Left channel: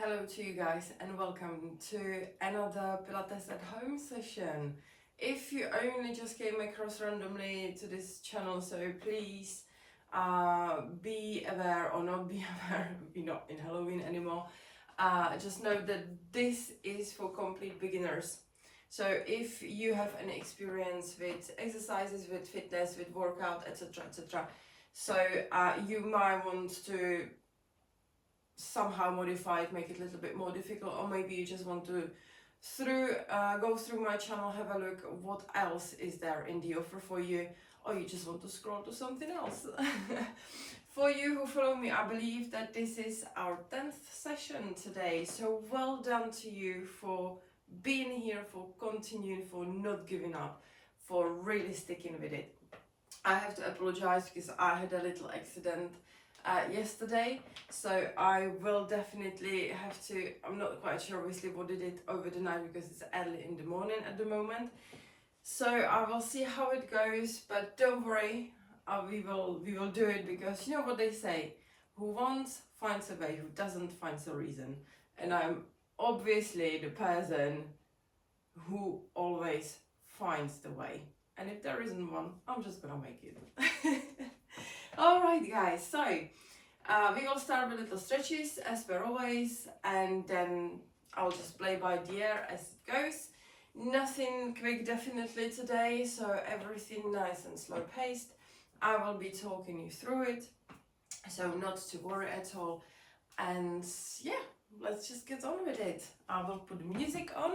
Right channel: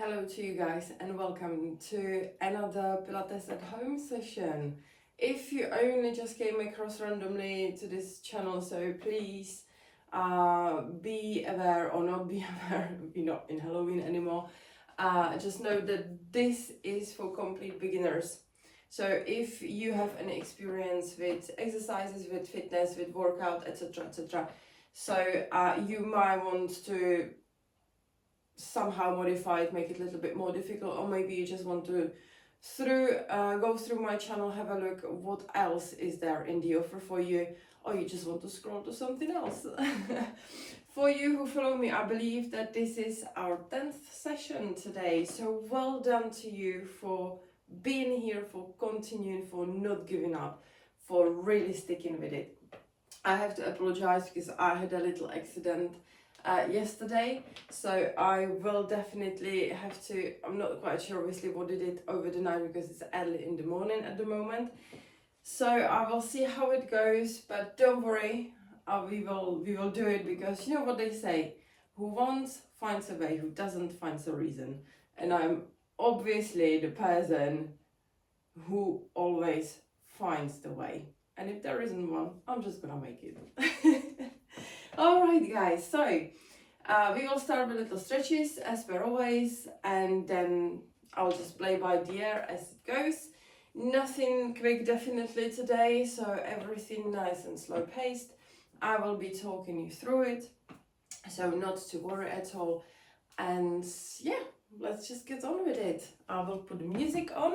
Hello to you guys and welcome to another Pilates at home session. If you only just came across randomly to this channel, so please be aware or not be aware, we're not in Halloween anymore. Just know that this is for complete beginners. So if you have an experience with exercises, with fitness, with workout, etc., so you might want to somehow modify it, make it a little bit more difficult, or maybe you just want to go through my channel, have a look what else is there in the offer for you, or you just want to scroll to something else. For you who follow me, I believe that this is our 10th session today, so well done to you for being here, for continuing, for not giving up, for really sticking with it. I have to apologize because I had a little accident yesterday, so I will definitely have to, I'm not quite sure obviously what did it over the night because it's early in the morning at the moment, so I will see how it goes, but don't worry, we will do it, because you know what they say, who wants finds a way, who doesn't finds a reason, and I'm obviously the person who always finds the way. And if there isn't one, I'm just gonna make it. Alright guys, so we will start with little stretches as per always, and then I'll just play by the ear as it goes. Nothing quick definitely today, so everything nice and slow paced. I will be talking you through it, so not to worry at all. And yeah, let's just get on with it. I will put the music on.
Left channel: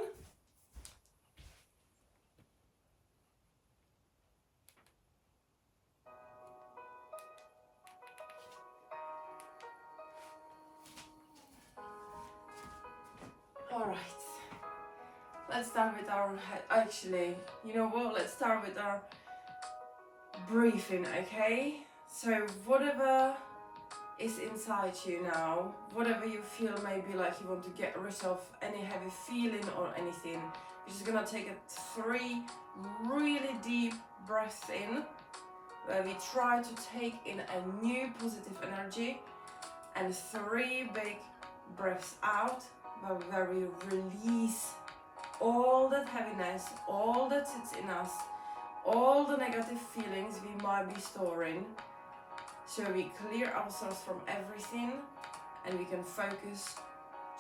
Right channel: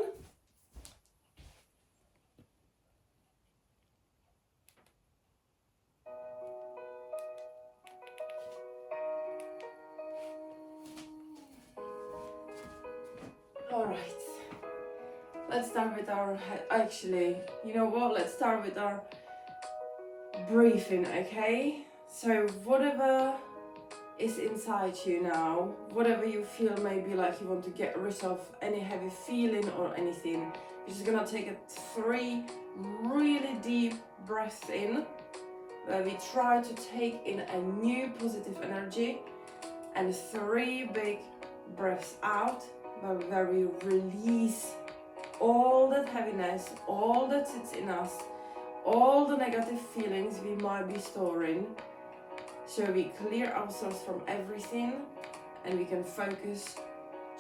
Alright, let's start with our, actually, you know what, let's start with our breathing, okay? So whatever is inside you now, whatever you feel maybe like you want to get rid of, any heavy feeling or anything, you're just gonna take 3 really deep breaths in, where we try to take in a new positive energy, and 3 big breaths out, where we release all that heaviness, all that sits in us, all the negative feelings we might be storing, so we clear ourselves from everything and we can focus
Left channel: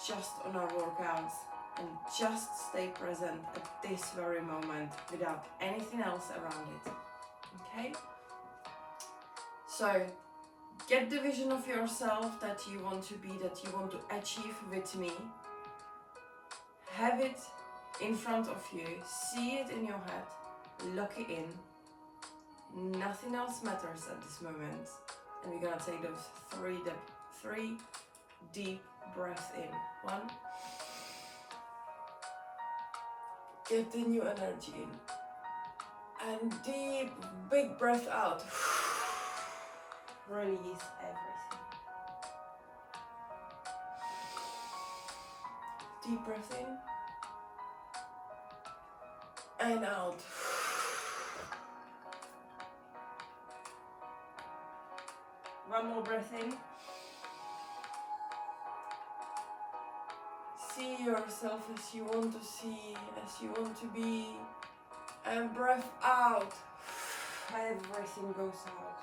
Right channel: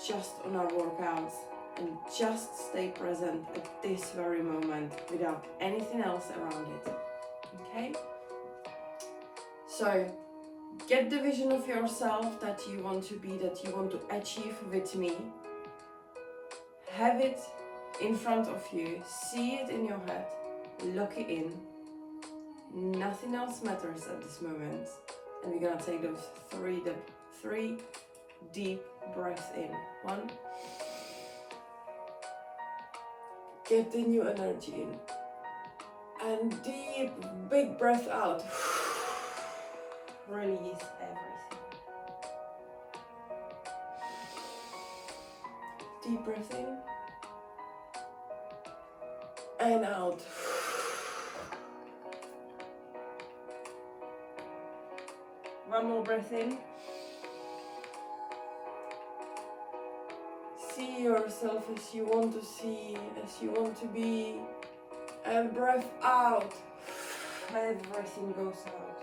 just on our workouts and just stay present at this very moment without anything else around it. Okay? So get the vision of yourself that you want to be, that you want to achieve with me. Have it in front of you, see it in your head, lock it in. Nothing else matters at this moment. And we're gonna take those 3 deep breaths in. 1. Get the new energy in. And deep, big breath out. Release everything. Deep breath in. And out. One more breath in. See yourself as you want to see, as you want to be. And breath out. Everything goes out.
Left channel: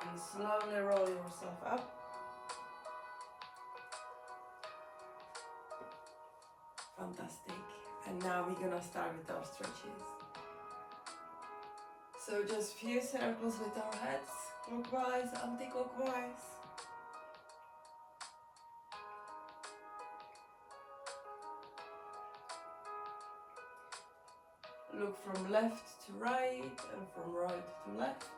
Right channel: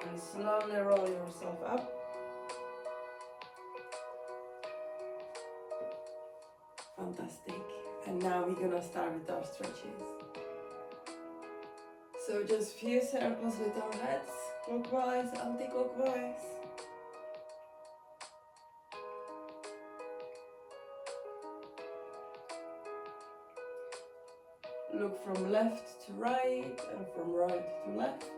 And slowly roll yourself up. Fantastic. And now we're gonna start with our stretches. So just few circles with our heads, clockwise, anti-clockwise. Look from left to right and from right to left.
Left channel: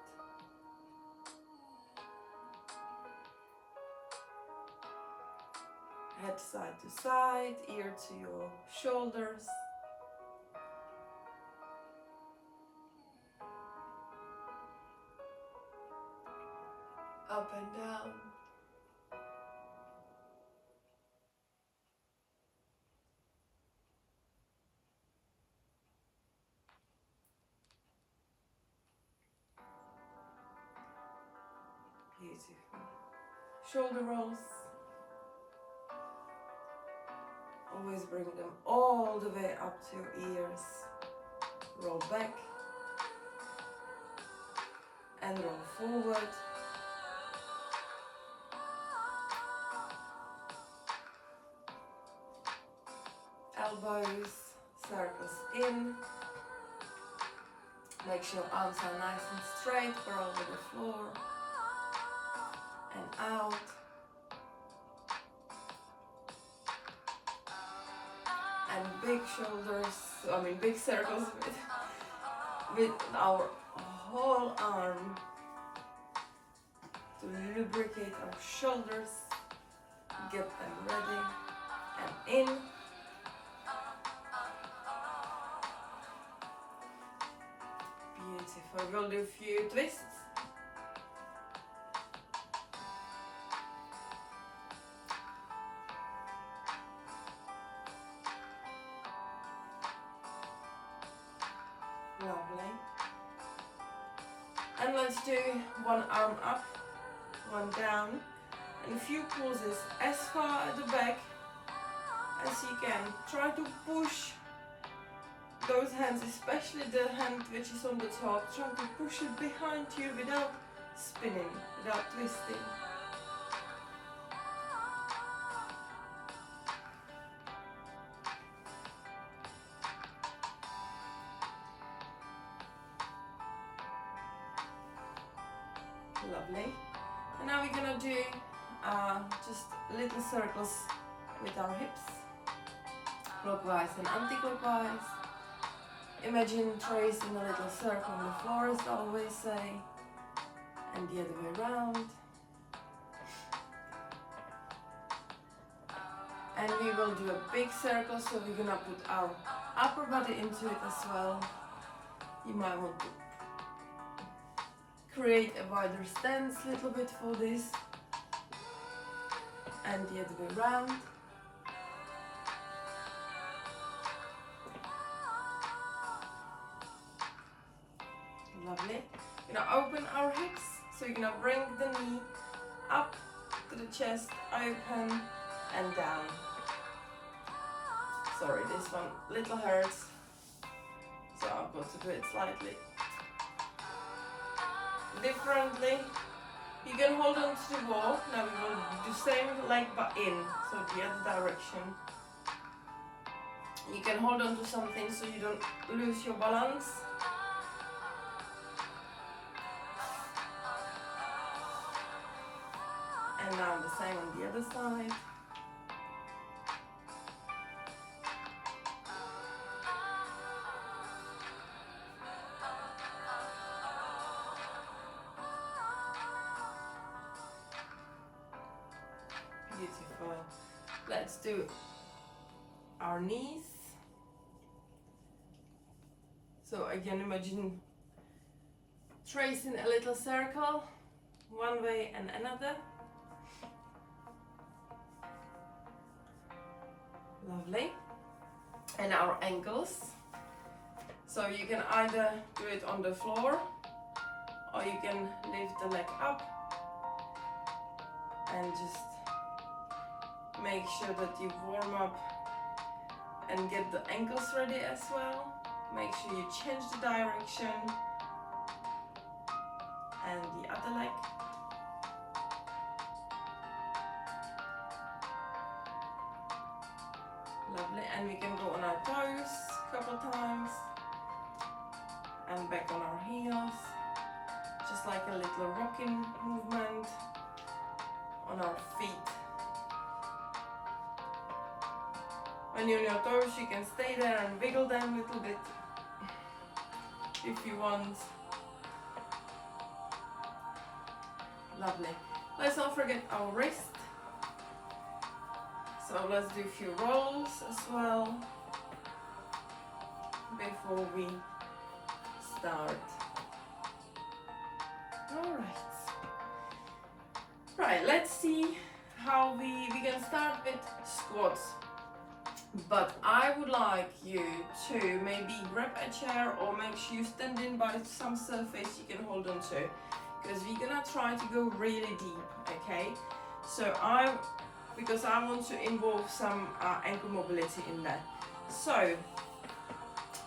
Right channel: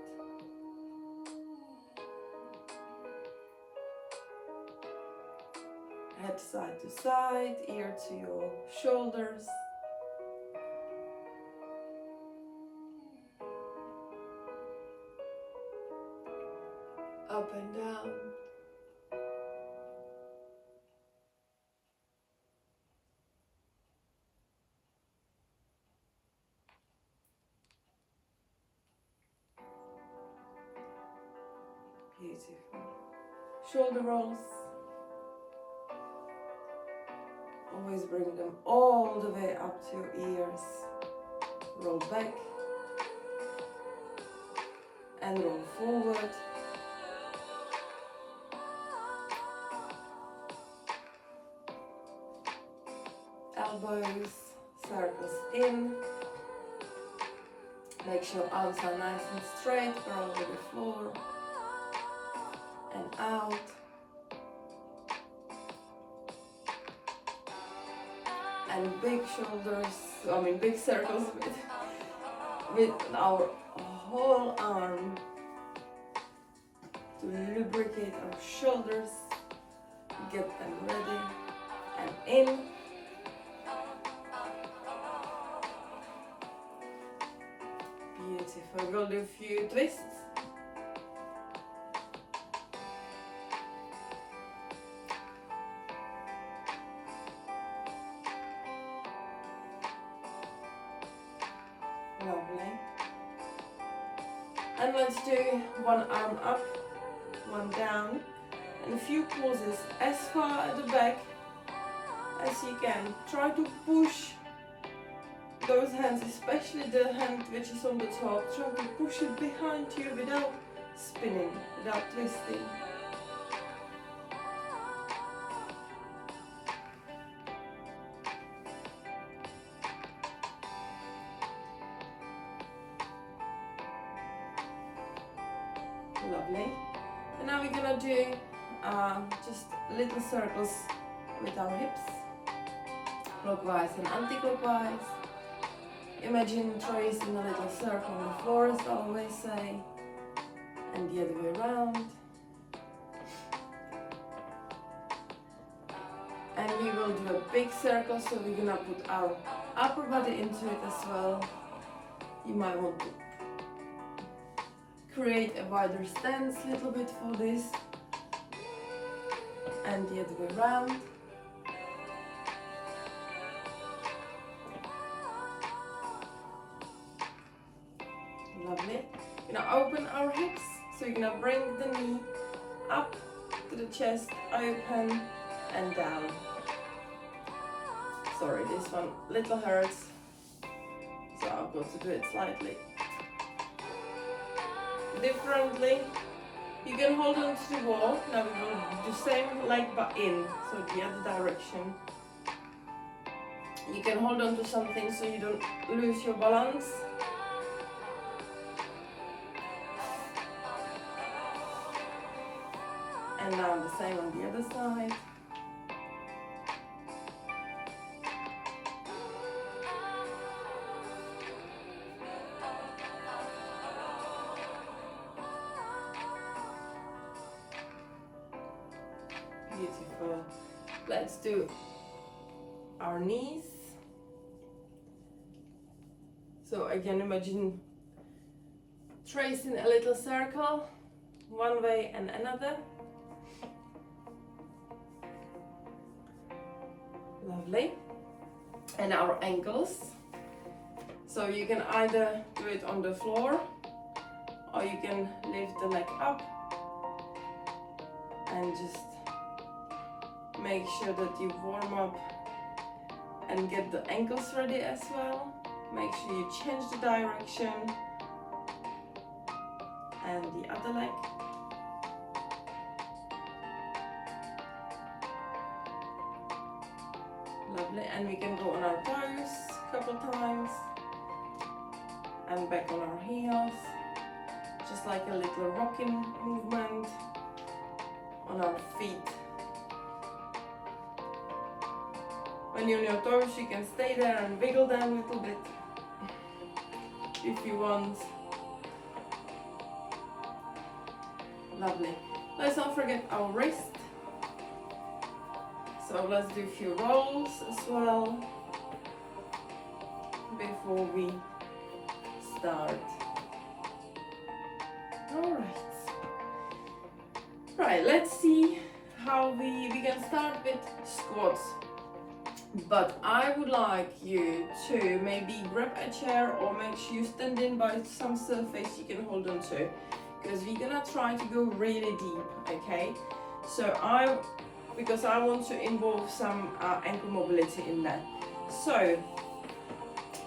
Head side to side, ear to your shoulders. Up and down. Beautiful. shoulder rolls. Always bring them all the way up to your ears. Roll back and roll forward. Elbows, circles in. Make sure arms are nice and straight, roll with the floor. And out. And big shoulders, big circles with our whole arm to lubricate our shoulders, get them ready, and in. Beautiful, we'll do a few twists. Lovely. And let's do one arm up, one down, and a few pauses as far at the back as you can. Try to push those hands, especially the hand which is on the top, try to push it behind you without spinning, without twisting. Lovely. And now we're gonna do just little circles with our hips, clockwise and anti-clockwise. Imagine tracing a little circle on the floor, as I always say, and the other way around. And we will do a big circle, so we're gonna put our upper body into it as well. You might want to create a wider stance a little bit for this, and the other way around. Lovely. We're gonna open our hips, so you're gonna bring the knee up to the chest, open and down. Sorry, this one little hurts, so I've got to do it slightly differently. You can hold on to the wall. Now we will do the same leg but in, so the other direction. You can hold on to something so you don't lose your balance. And now the same on the other side. Beautiful. Let's do our knees. So again, imagine tracing a little circle one way and another. Lovely. And our ankles. So you can either do it on the floor, or you can lift the leg up and just make sure that you warm up and get the ankles ready as well. Make sure you change the direction, and the other leg. Lovely. And we can go on our toes a couple times and back on our heels, just like a little rocking movement on our feet. When you're on your toes, you can stay there and wiggle them a little bit if you want. Lovely. Let's not forget our wrist. So let's do a few rolls as well before we start. Alright. Right, let's see how we can start with squats. But I would like you to maybe grab a chair or make sure you stand in by some surface you can hold on to, because we're gonna try to go really deep, okay? So because I want to involve some ankle mobility in that. So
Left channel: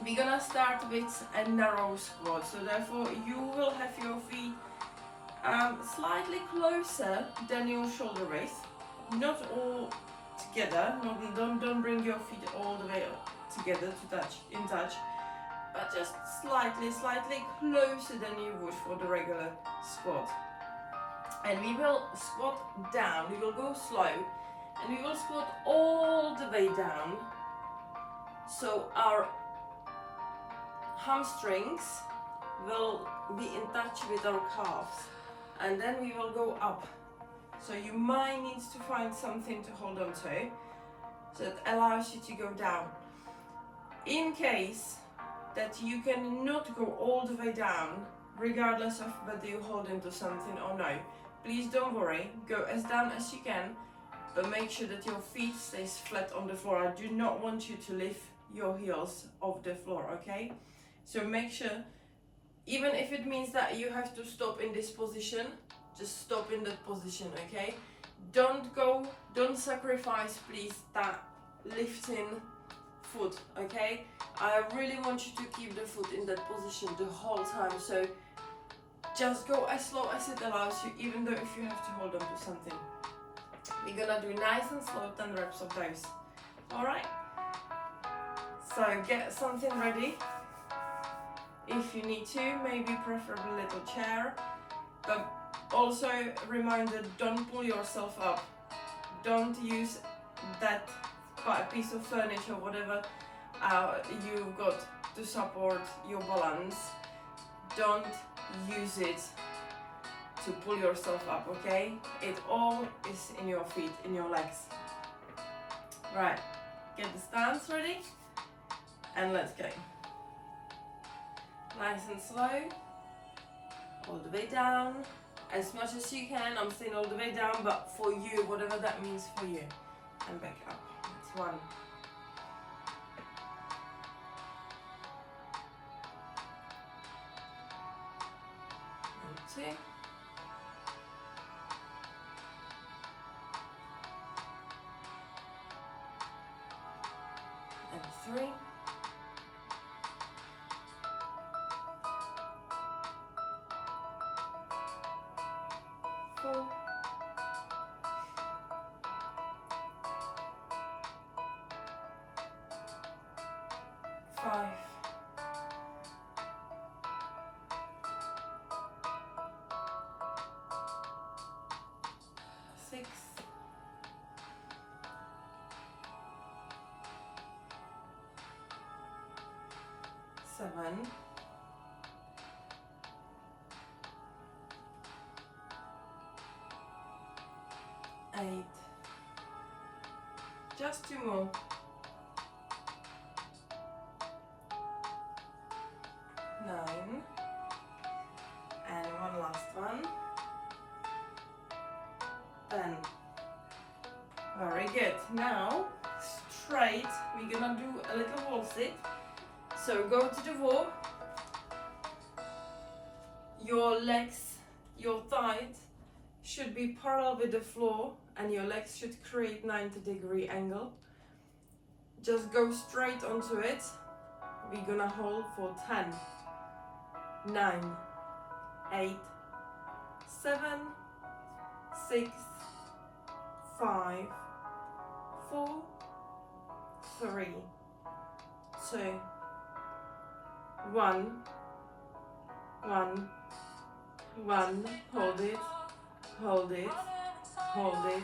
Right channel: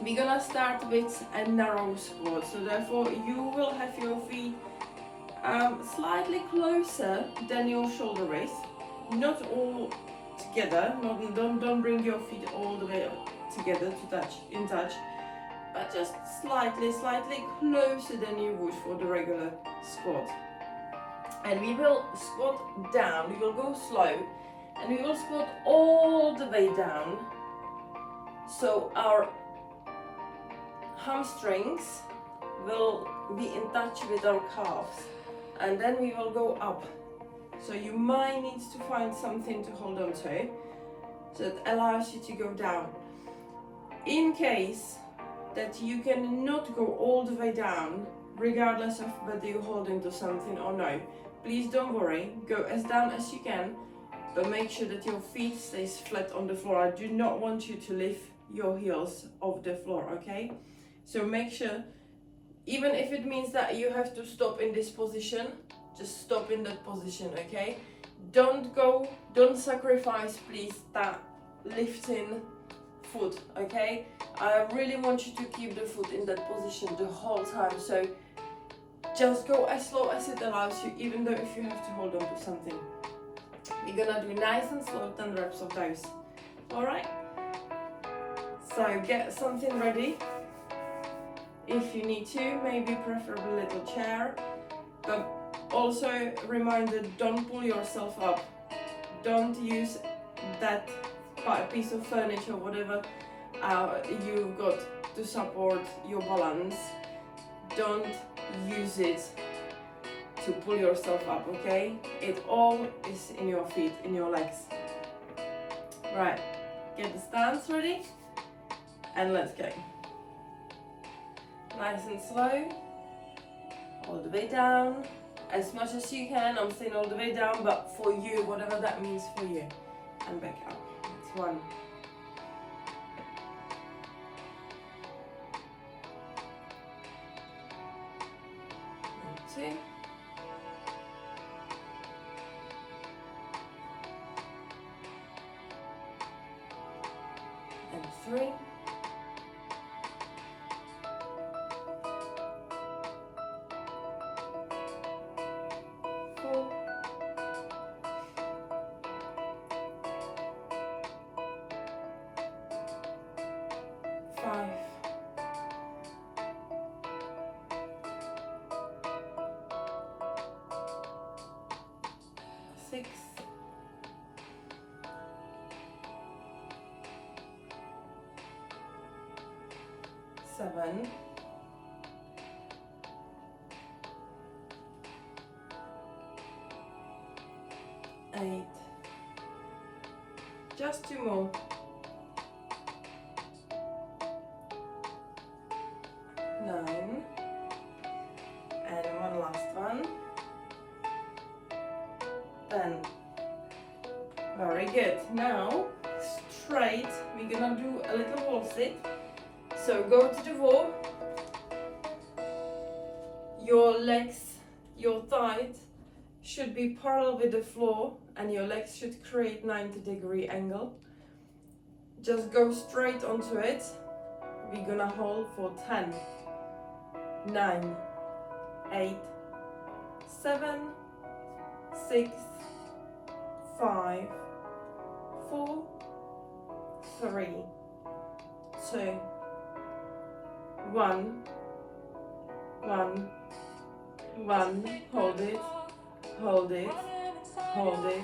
we're gonna start with a narrow squat. So therefore you will have your feet slightly closer than your shoulder width, not all together. Don't bring your feet all the way together to in touch, but just slightly closer than you would for the regular squat. And we will squat down. We will go slow, and we will squat all the way down. So our hamstrings will be in touch with our calves, and then we will go up. So you might need to find something to hold on to, so it allows you to go down. In case that you cannot go all the way down, regardless of whether you're holding to something or no, please don't worry, go as down as you can, but make sure that your feet stays flat on the floor. I do not want you to lift your heels off the floor, okay? So make sure, even if it means that you have to stop in this position, just stop in that position, okay? Don't sacrifice, please, that lifting foot, okay? I really want you to keep the foot in that position the whole time, so just go as slow as it allows you, even though if you have to hold on to something. We're gonna do nice and slow 10 reps of those, alright? So get something ready. If you need to, maybe preferably a little chair, but also reminder, don't pull yourself up. Don't use that piece of furniture, whatever you've got to support your balance. Don't use it to pull yourself up, okay? It all is in your feet, in your legs. Right, get the stance ready, and let's go. Nice and slow, all the way down, as much as you can. I'm saying all the way down, but for you, whatever that means for you. And back up. That's 1. And 2. And 3. 4. 5. 6. 7. 8. Just 2 more. 9. And one last one. 10. Very good. Now, straight, we're gonna do a little wall sit. So go to the wall. Your legs, your thighs should be parallel with the floor, and your legs should create 90-degree angle. Just go straight onto it. We're gonna hold for 10, 9, 8, 7, 6, 5, 4, 3, 2, 1, 1, 1. Hold it, hold it, hold it,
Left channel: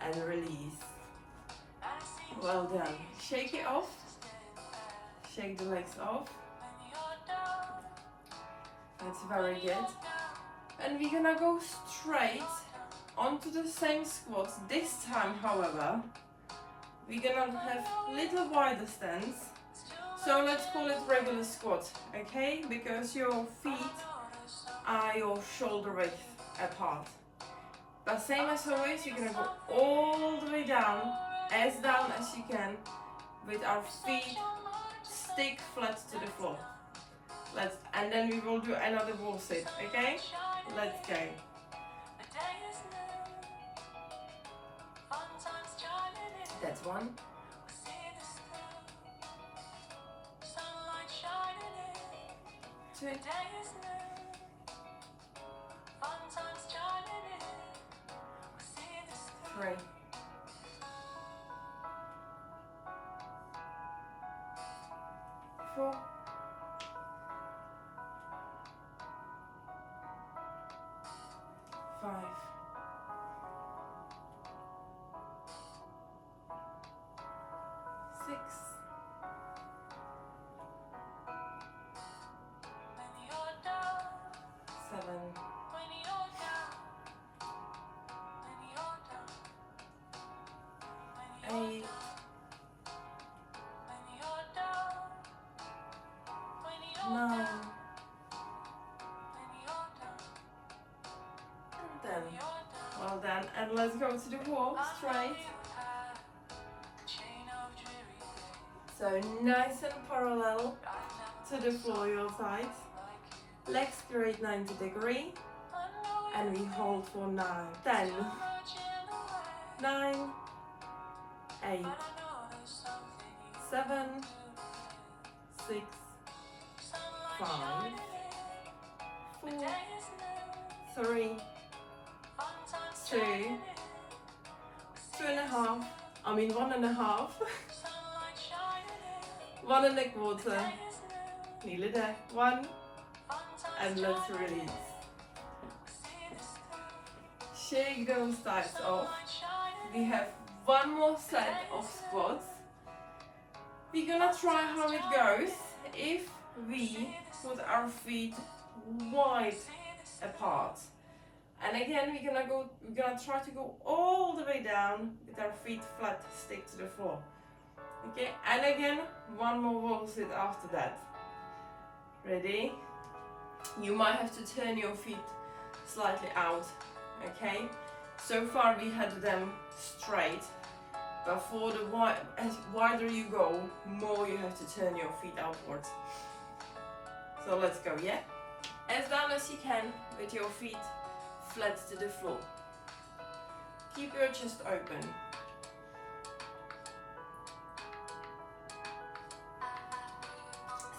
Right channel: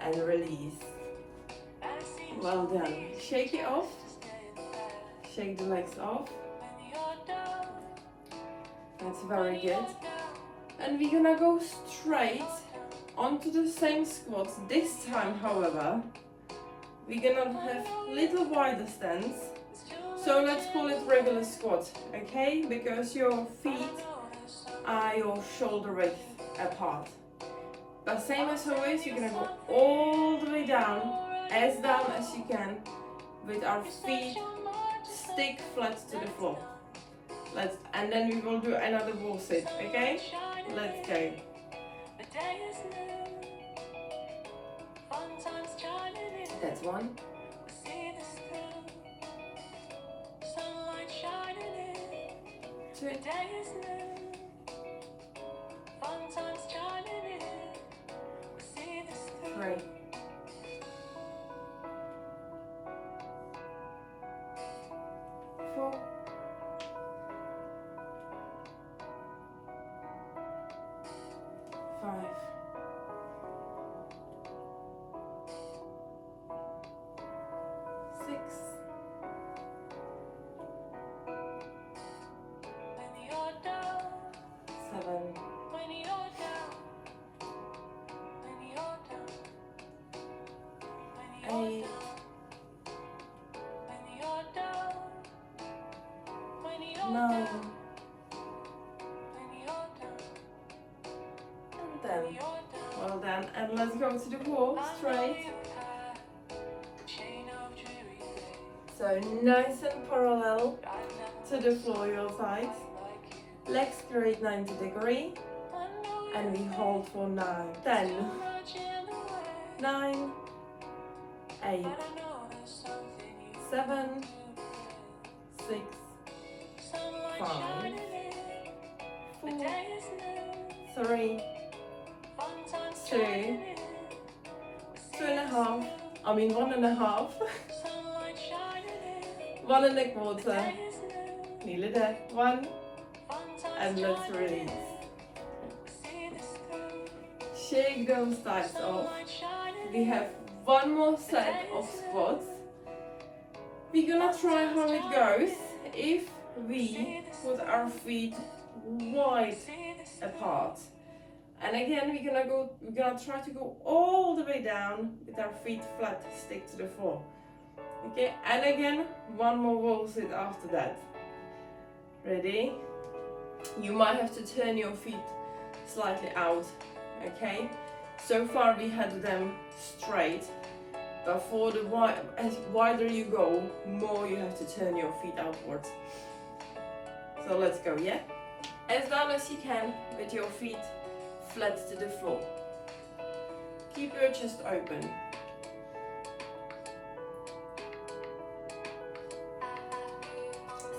and release. Well done. Shake it off. Shake the legs off. That's very good. And we're gonna go straight onto the same squats. This time, however, we're gonna have little wider stance. So let's call it regular squat, okay? Because your feet are your shoulder width apart. But same as always, you're gonna go all the way down as you can, with our feet stick flat to the floor. And then we will do another wall sit, okay? Let's go. That's one. 2, 3, 4, 5, 6, 7, 8, 9, and 10. Well done. And let's go to the wall straight. So nice and parallel to the floor, your sides. Legs straight 90 degrees. And we hold for 9, 10, 9, 8, 7, 6, 5, 4, 3, 2, 2.5, 1.5, 1.25, nearly there, 1, and let's release. Shake those thighs off. We have one more set of squats. We're gonna try how it goes if we put our feet wide apart. And again, we're gonna try to go all the way down with our feet flat, stick to the floor. Okay, and again, one more wall sit after that. Ready? You might have to turn your feet slightly out. Okay, so far we had them straight, but for the as wider you go, more you have to turn your feet outwards. So let's go, yeah? As down as you can with your feet flat to the floor. Keep your chest open.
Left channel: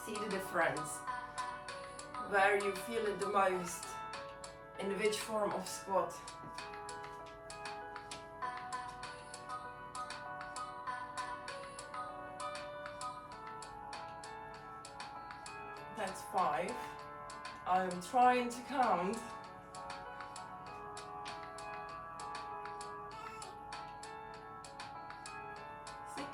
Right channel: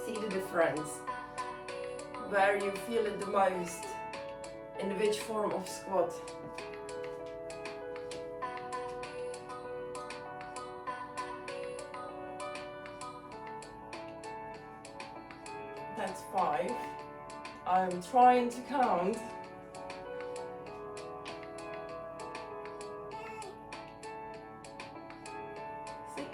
See the difference, where you feel it the most. In which form of squat? That's 5. I'm trying to count. 6,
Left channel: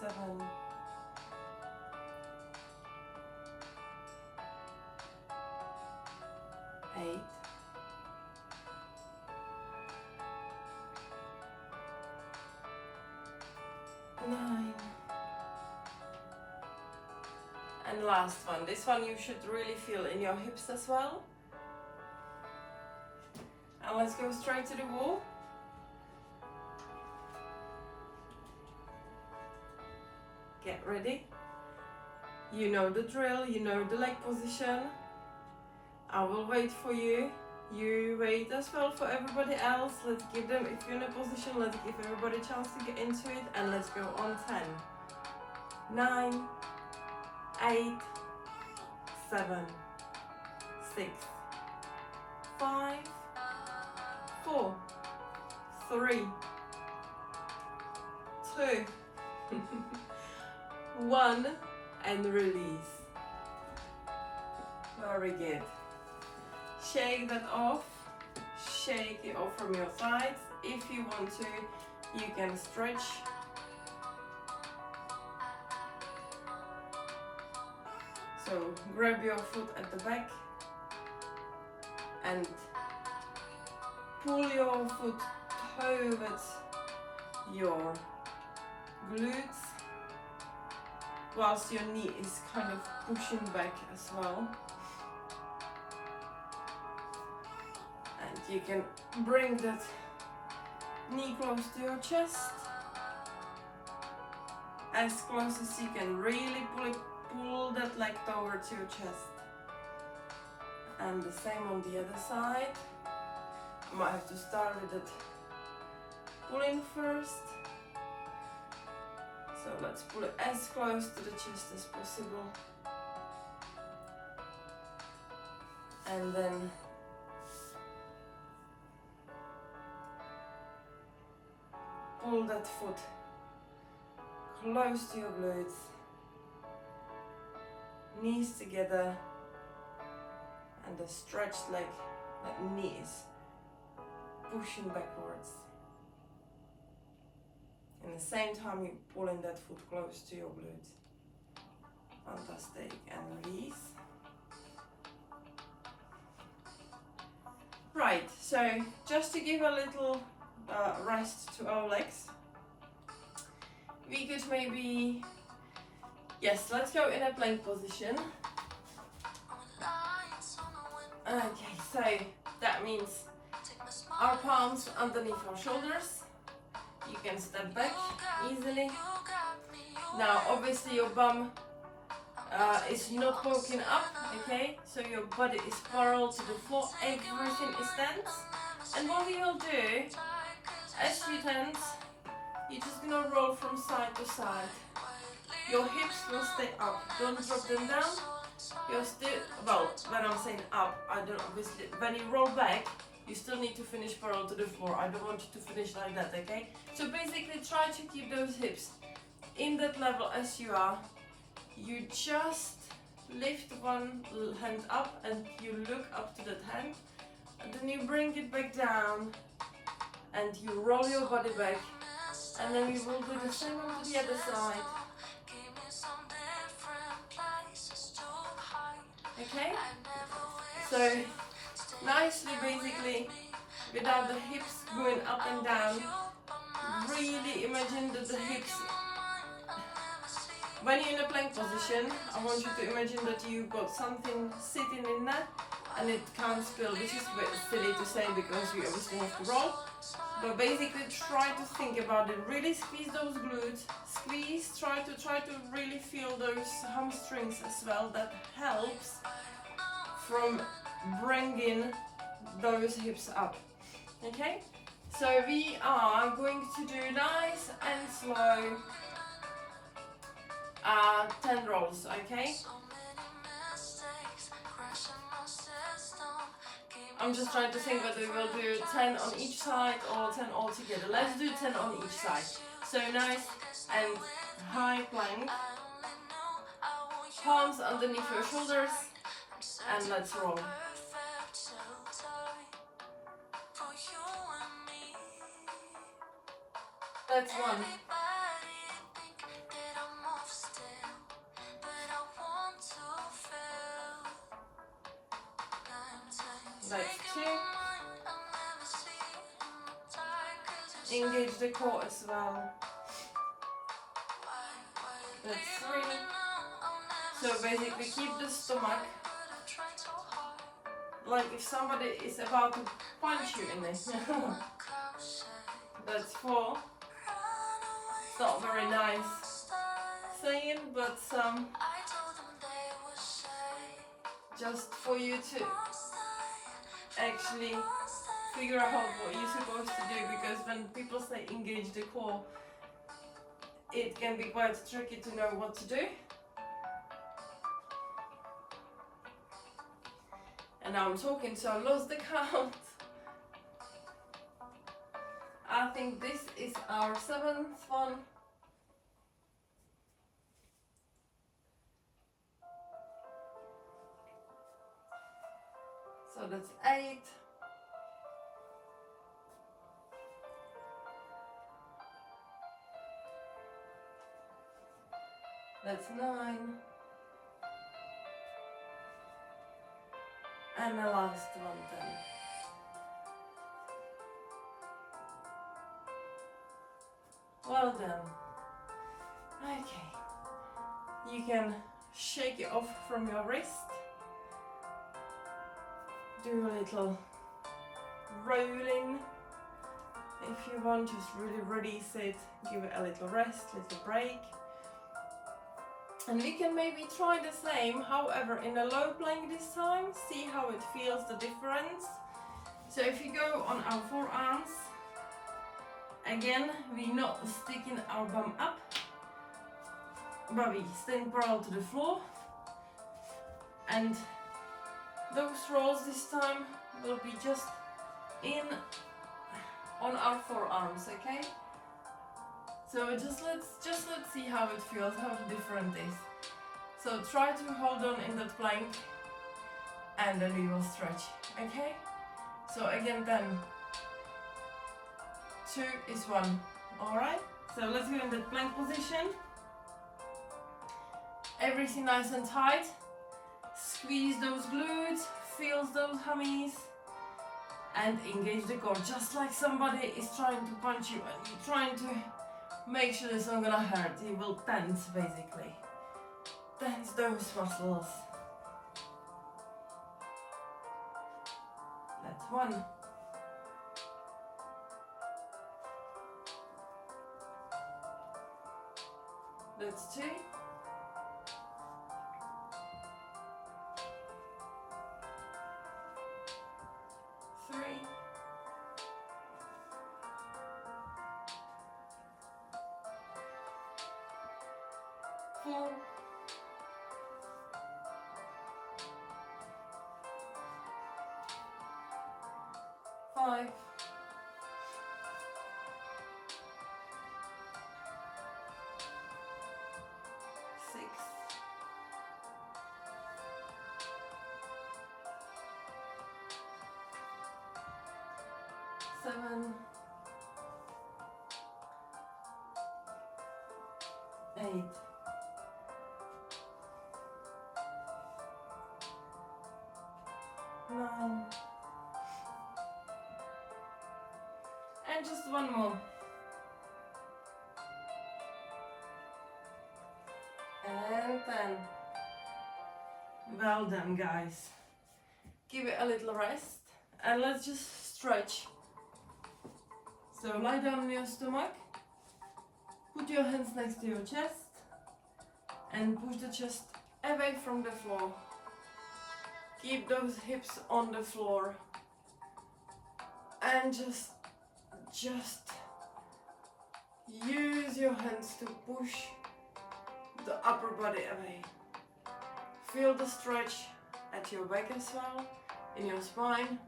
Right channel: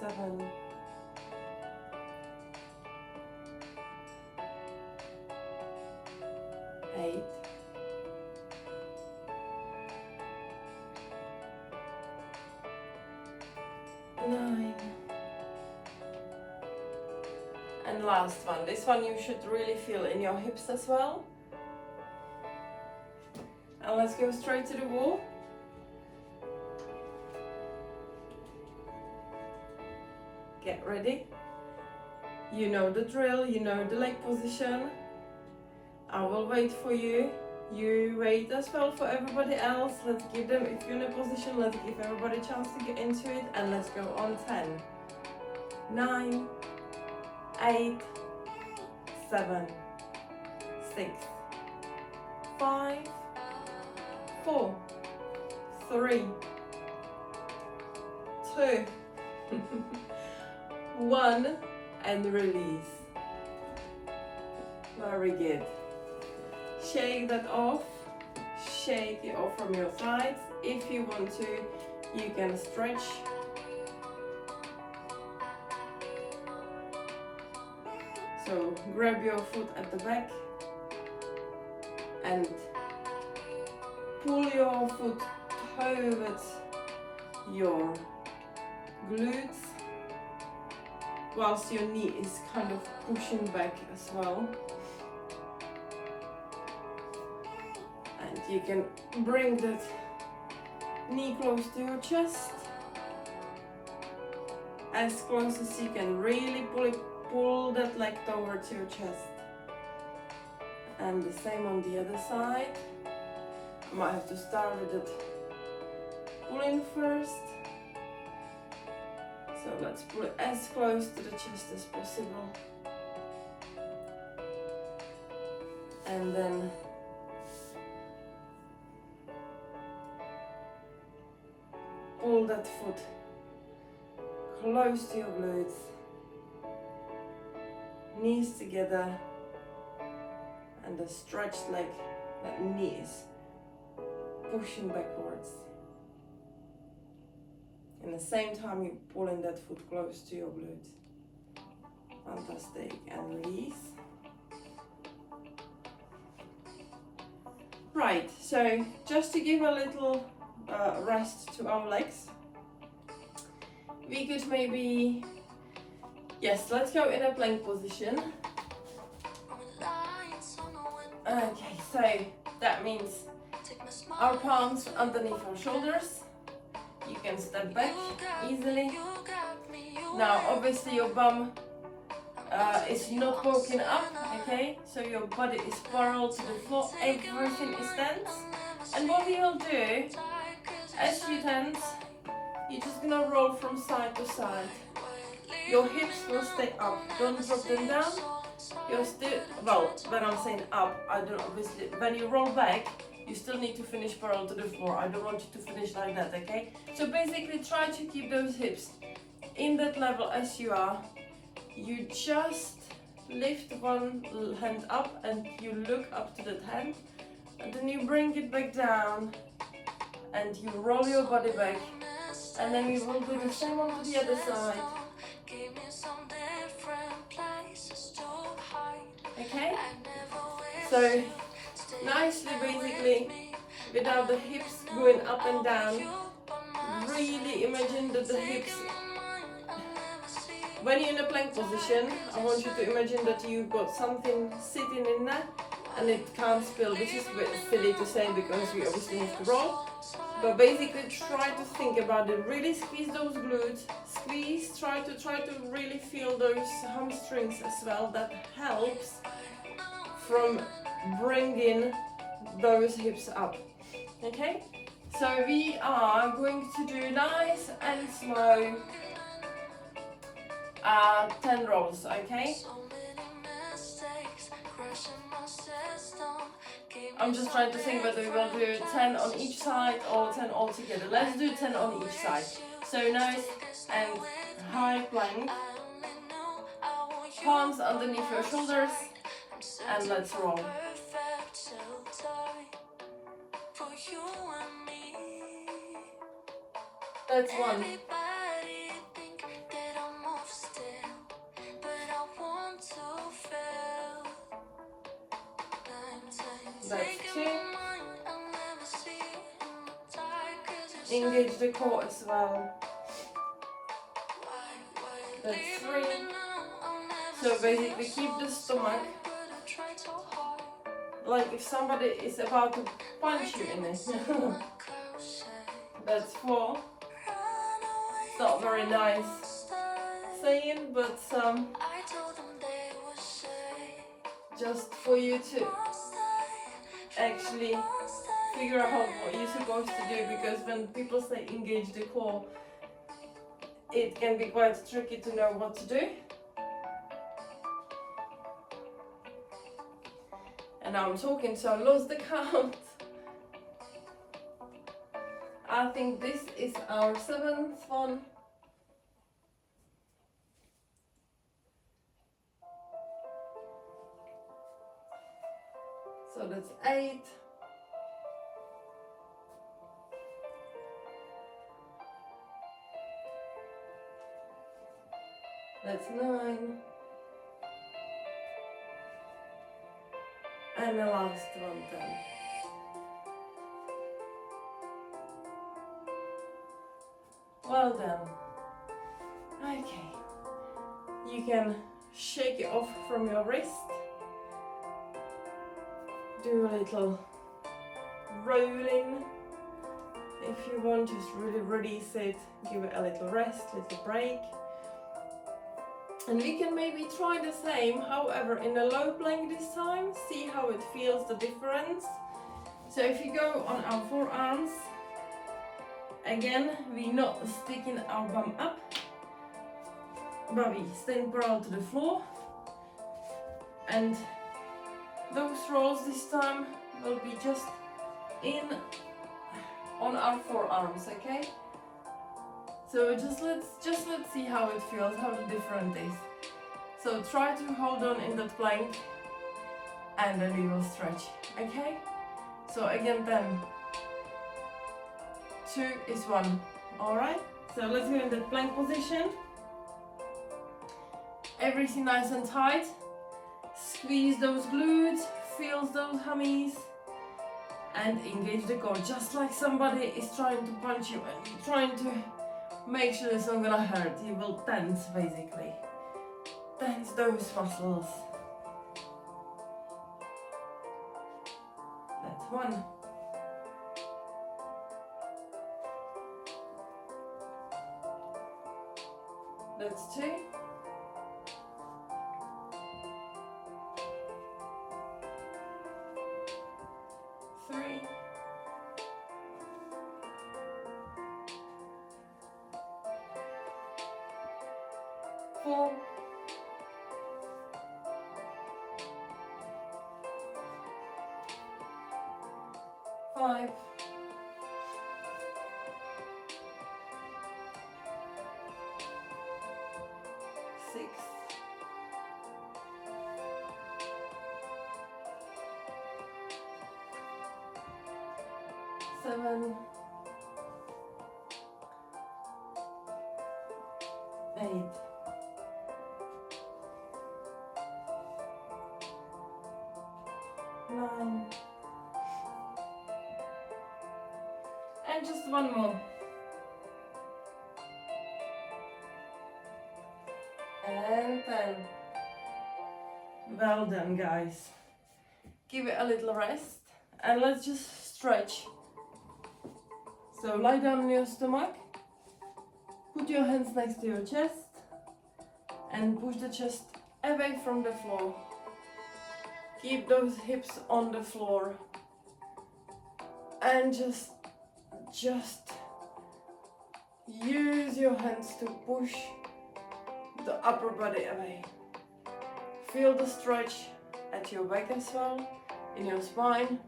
7, 8, 9, and last one. This one you should really feel in your hips as well. And let's go straight to the wall. Get ready. You know the drill, you know the leg position. I will wait for you. You wait as well for everybody else. Let's give them, if you're in a position, let's give everybody a chance to get into it. And let's go on 10, 9, 8, 7, 6, 5, 4, 3, 2, 1, and release. Very good. Shake that off. Shake it off from your sides. If you want to, you can stretch. So grab your foot at the back and pull your foot towards your glutes, whilst your knee is kind of pushing back as well. And you can bring that knee close to your chest, as close as you can. Really pull that leg towards your chest. And the same on the other side. I might have to start with it pulling first. So let's pull it as close to the chest as possible. And then pull that foot close to your glutes, knees together, and the stretched leg, that knee is pushing backwards. And at the same time you're pulling that foot close to your glute. Fantastic, and release. Right, so just to give a little rest to our legs, we could maybe, yes, let's go in a plank position. Okay, so that means our palms underneath our shoulders. You can step back easily. Now obviously your bum is not poking up, okay? So your body is parallel to the floor, everything is tense. And what we will do, as you tense, you're just gonna roll from side to side. Your hips will stay up, don't drop them down. You're still, well, when I'm saying up, I don't obviously, when you roll back, you still need to finish parallel to the floor. I don't want you to finish like that, okay? So basically try to keep those hips in that level as you are. You just lift one hand up and you look up to that hand, and then you bring it back down and you roll your body back, and then we will do the same on the other side. Okay? So nicely, basically, without the hips going up and down, really imagine that the hips, when you're in a plank position, I want you to imagine that you've got something sitting in there and it can't spill, which is a bit silly to say because we obviously have to roll. But basically try to think about it, really squeeze those glutes, squeeze, try to really feel those hamstrings as well. That helps from bringing those hips up, okay? So we are going to do nice and slow 10 rolls, okay? I'm just trying to think whether we will do 10 on each side or 10 all together. Let's do 10 on each side. So nice and high plank, palms underneath your shoulders, and let's roll. That's one. That's two. Engage the core as well. That's three. So basically keep the stomach like if somebody is about to punch you in it. That's four. It's not very nice saying, but just for you to actually figure out what you're supposed to do, because when people say engage the core, it can be quite tricky to know what to do. And I'm talking so I lost the count. I think this is our 7th one. So that's 8. That's 9. And the last one, 10. Well done. Okay. You can shake it off from your wrist. Do a little rolling. If you want, just really release it. Give it a little rest, little break. And we can maybe try the same, however in a low plank this time, see how it feels, the difference. So if you go on our forearms, again, we're not sticking our bum up, but we staying parallel to the floor. And those rolls this time will be just in on our forearms, okay? So let's see how it feels, how different it is. So try to hold on in that plank and then we will stretch, okay? So again 10, 2 is 1, alright? So let's go in that plank position. Everything nice and tight. Squeeze those glutes, feel those hammies and engage the core, just like somebody is trying to punch you and you're trying to make sure it's not gonna hurt. You will tense basically. Tense those muscles. That's 1. That's 2. 3. 4. 5. 6. 7. 8. 9. And just one more. And 10. Well done, guys. Give it a little rest and let's just stretch. So lie down on your stomach, put your hands next to your chest and push the chest away from the floor. Keep those hips on the floor and just use your hands to push the upper body away. Feel the stretch at your back as well, in your spine.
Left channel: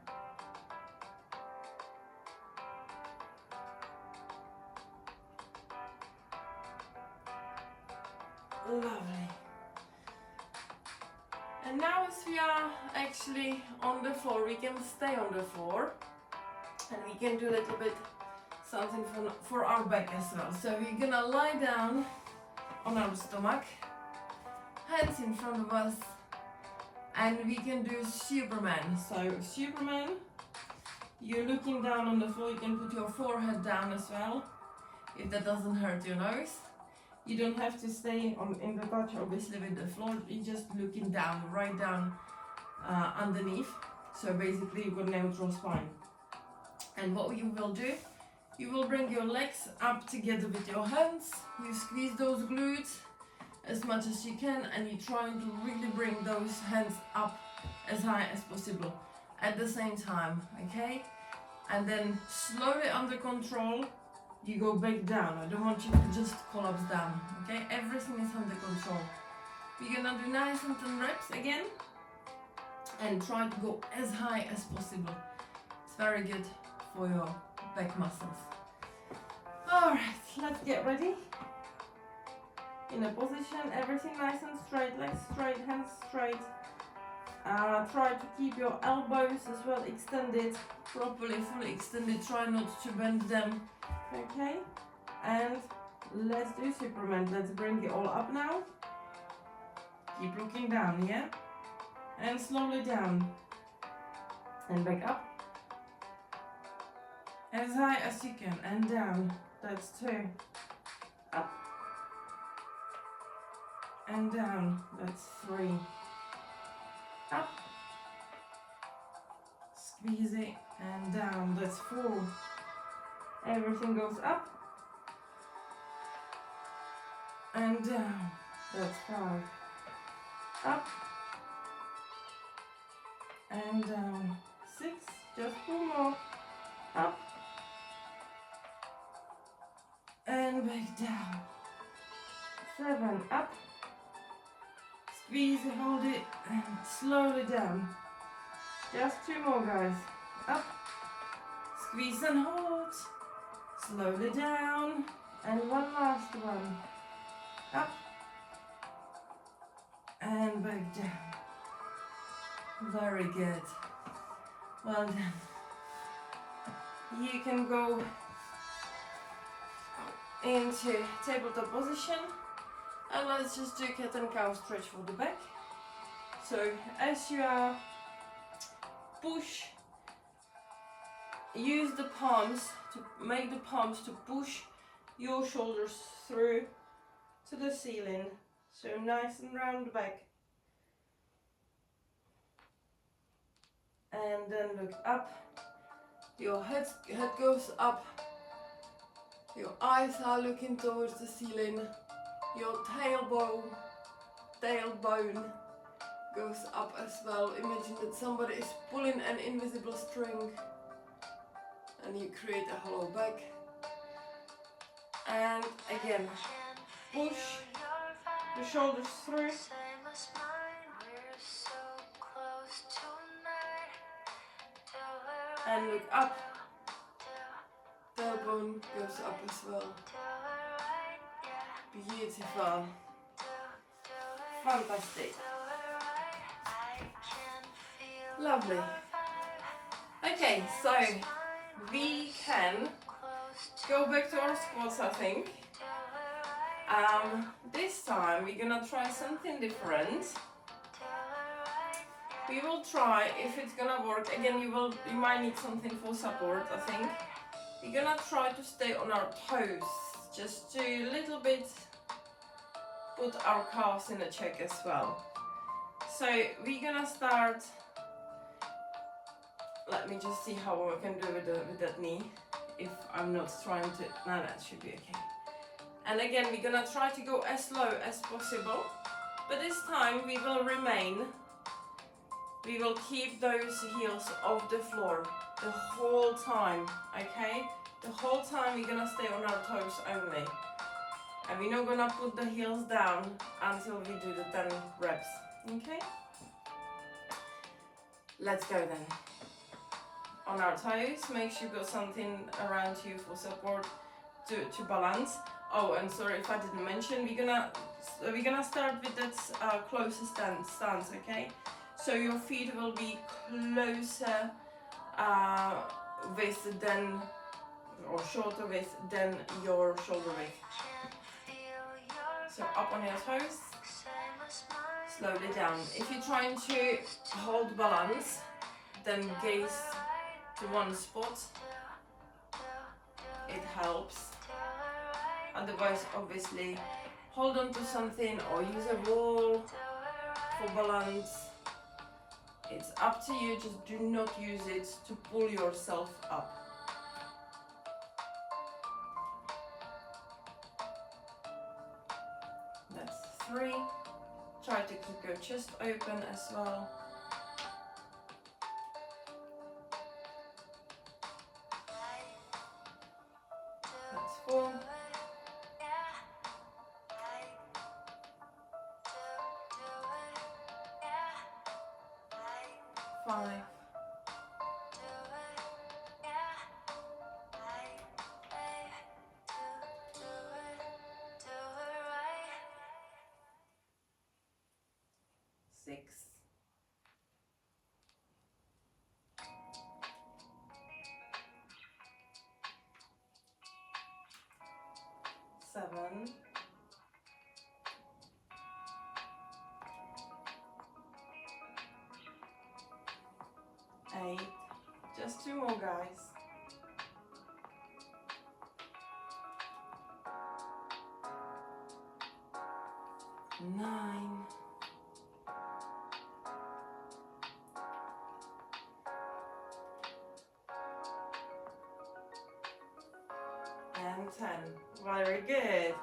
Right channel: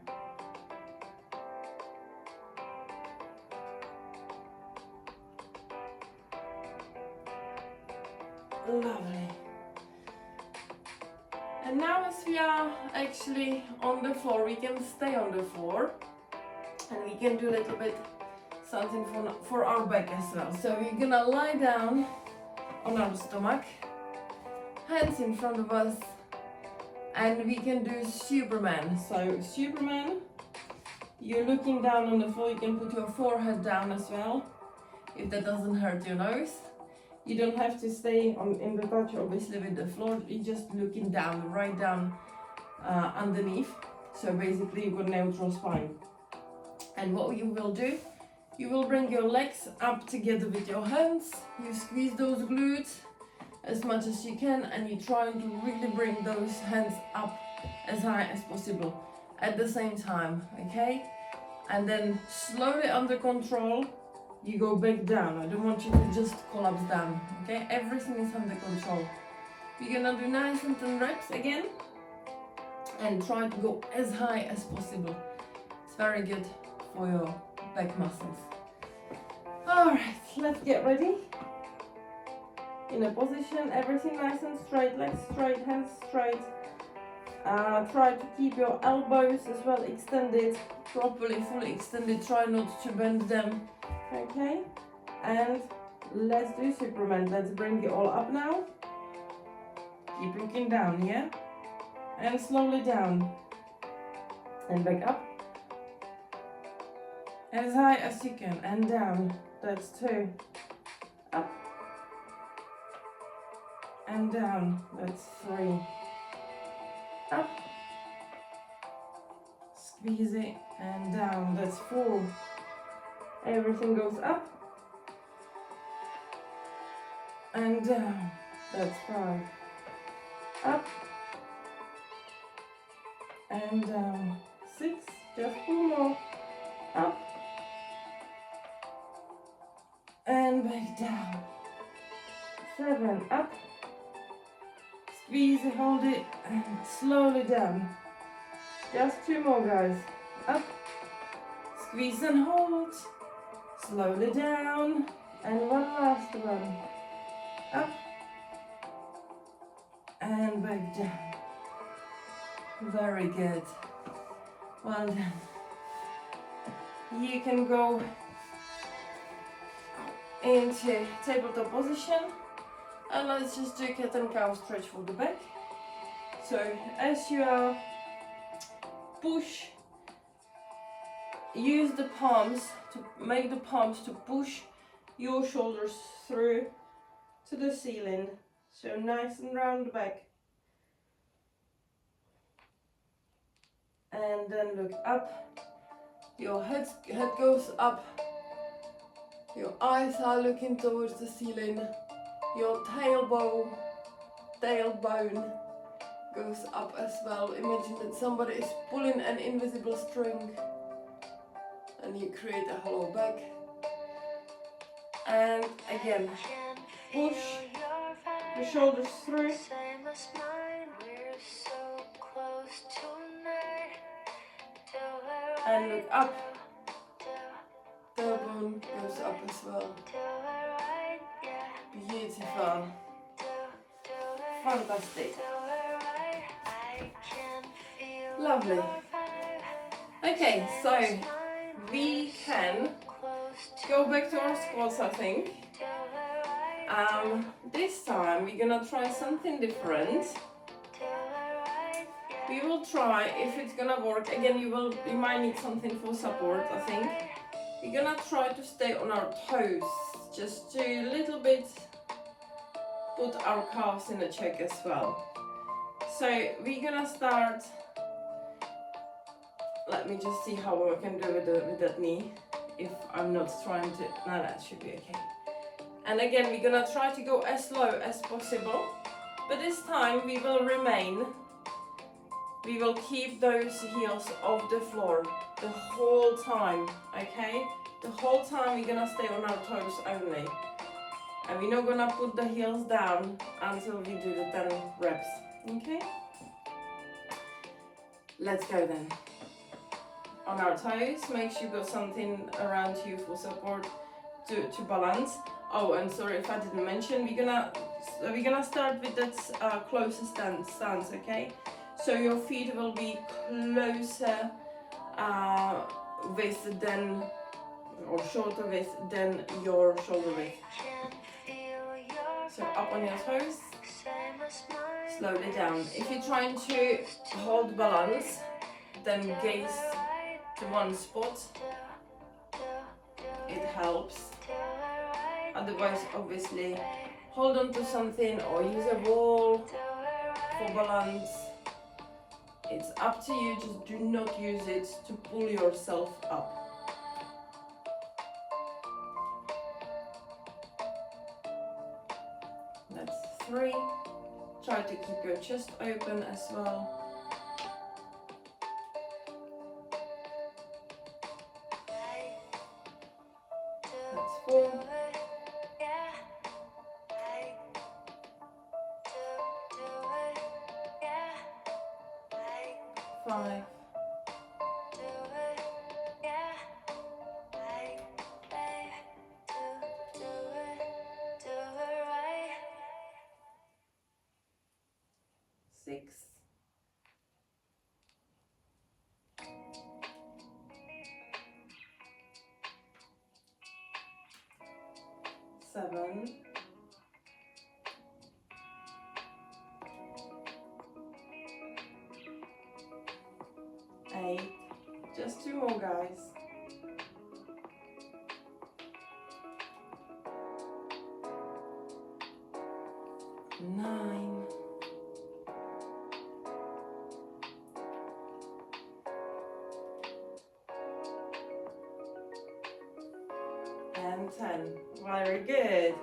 Lovely. And now as we are actually on the floor, we can stay on the floor and we can do a little bit something for our back as well. So we're gonna lie down on our stomach, hands in front of us, and we can do Superman. So Superman, you're looking down on the floor, you can put your forehead down as well, if that doesn't hurt your nose. You don't have to stay in the touch obviously with the floor, you're just looking down, right down underneath. So basically you've got neutral spine. And what you will do, you will bring your legs up together with your hands, you squeeze those glutes as much as you can and you're trying to really bring those hands up as high as possible at the same time, okay? And then slowly under control, you go back down. I don't want you to just collapse down, okay? Everything is under control. We're gonna do nice and 10 reps again and try to go as high as possible. It's very good for your back muscles. All right, let's get ready. In a position, everything nice and straight, legs straight, hands straight. Try to keep your elbows as well extended, properly, fully extended. Try not to bend them. Okay, and let's do Superman. Let's bring it all up now. Keep looking down, yeah? And slowly down. And back up. As high as you can, and down. That's 2. Up. And down. That's 3. Up. Squeeze it, and down. That's 4. Everything goes up and down. That's 5. Up and down. 6. Just 4 more. Up and back down. 7. Up. Squeeze, hold it, and slowly down. Just 2 more, guys. Up. Squeeze and hold. Slowly down. And one last one. Up and back down. Very good. Well done. You can go into tabletop position, and let's just do cat and cow stretch for the back. So as you are push, use the palms to make the palms to push your shoulders through to the ceiling, so nice and round back, and then look up. Your head goes up, your eyes are looking towards the ceiling, your tailbone goes up as well. Imagine that somebody is pulling an invisible string and you create a hollow back. And again, push the shoulders through. And look up. Tailbone goes up as well. Beautiful. Fantastic. Lovely. Okay, so we can go back to our squats, I think. This time we're gonna try something different. We will try if it's gonna work. Again, you might need something for support, I think. We're gonna try to stay on our toes, just to a little bit put our calves in a check as well. So we're gonna start. Let me just see how I can do with that knee. If I'm not trying to, no, that should be okay. And again, we're gonna try to go as low as possible, but this time we will remain. We will keep those heels off the floor the whole time, okay? The whole time we're gonna stay on our toes only. And we're not gonna put the heels down until we do the 10 reps, okay? Let's go then. On our toes, make sure you've got something around you for support to balance. Oh, and sorry if I didn't mention, we're gonna start with that closest stance, okay? So your feet will be closer width than, or shorter width than your shoulder width. So up on your toes, slowly down. If you're trying to hold balance, then gaze to one spot. It helps. Otherwise, obviously, hold on to something or use a wall for balance. It's up to you, just do not use it to pull yourself up. That's 3. Try to keep your chest open as well. That's 4. 5. 6. 7. 8. Just 2 more, guys. 9. And 10. Very good.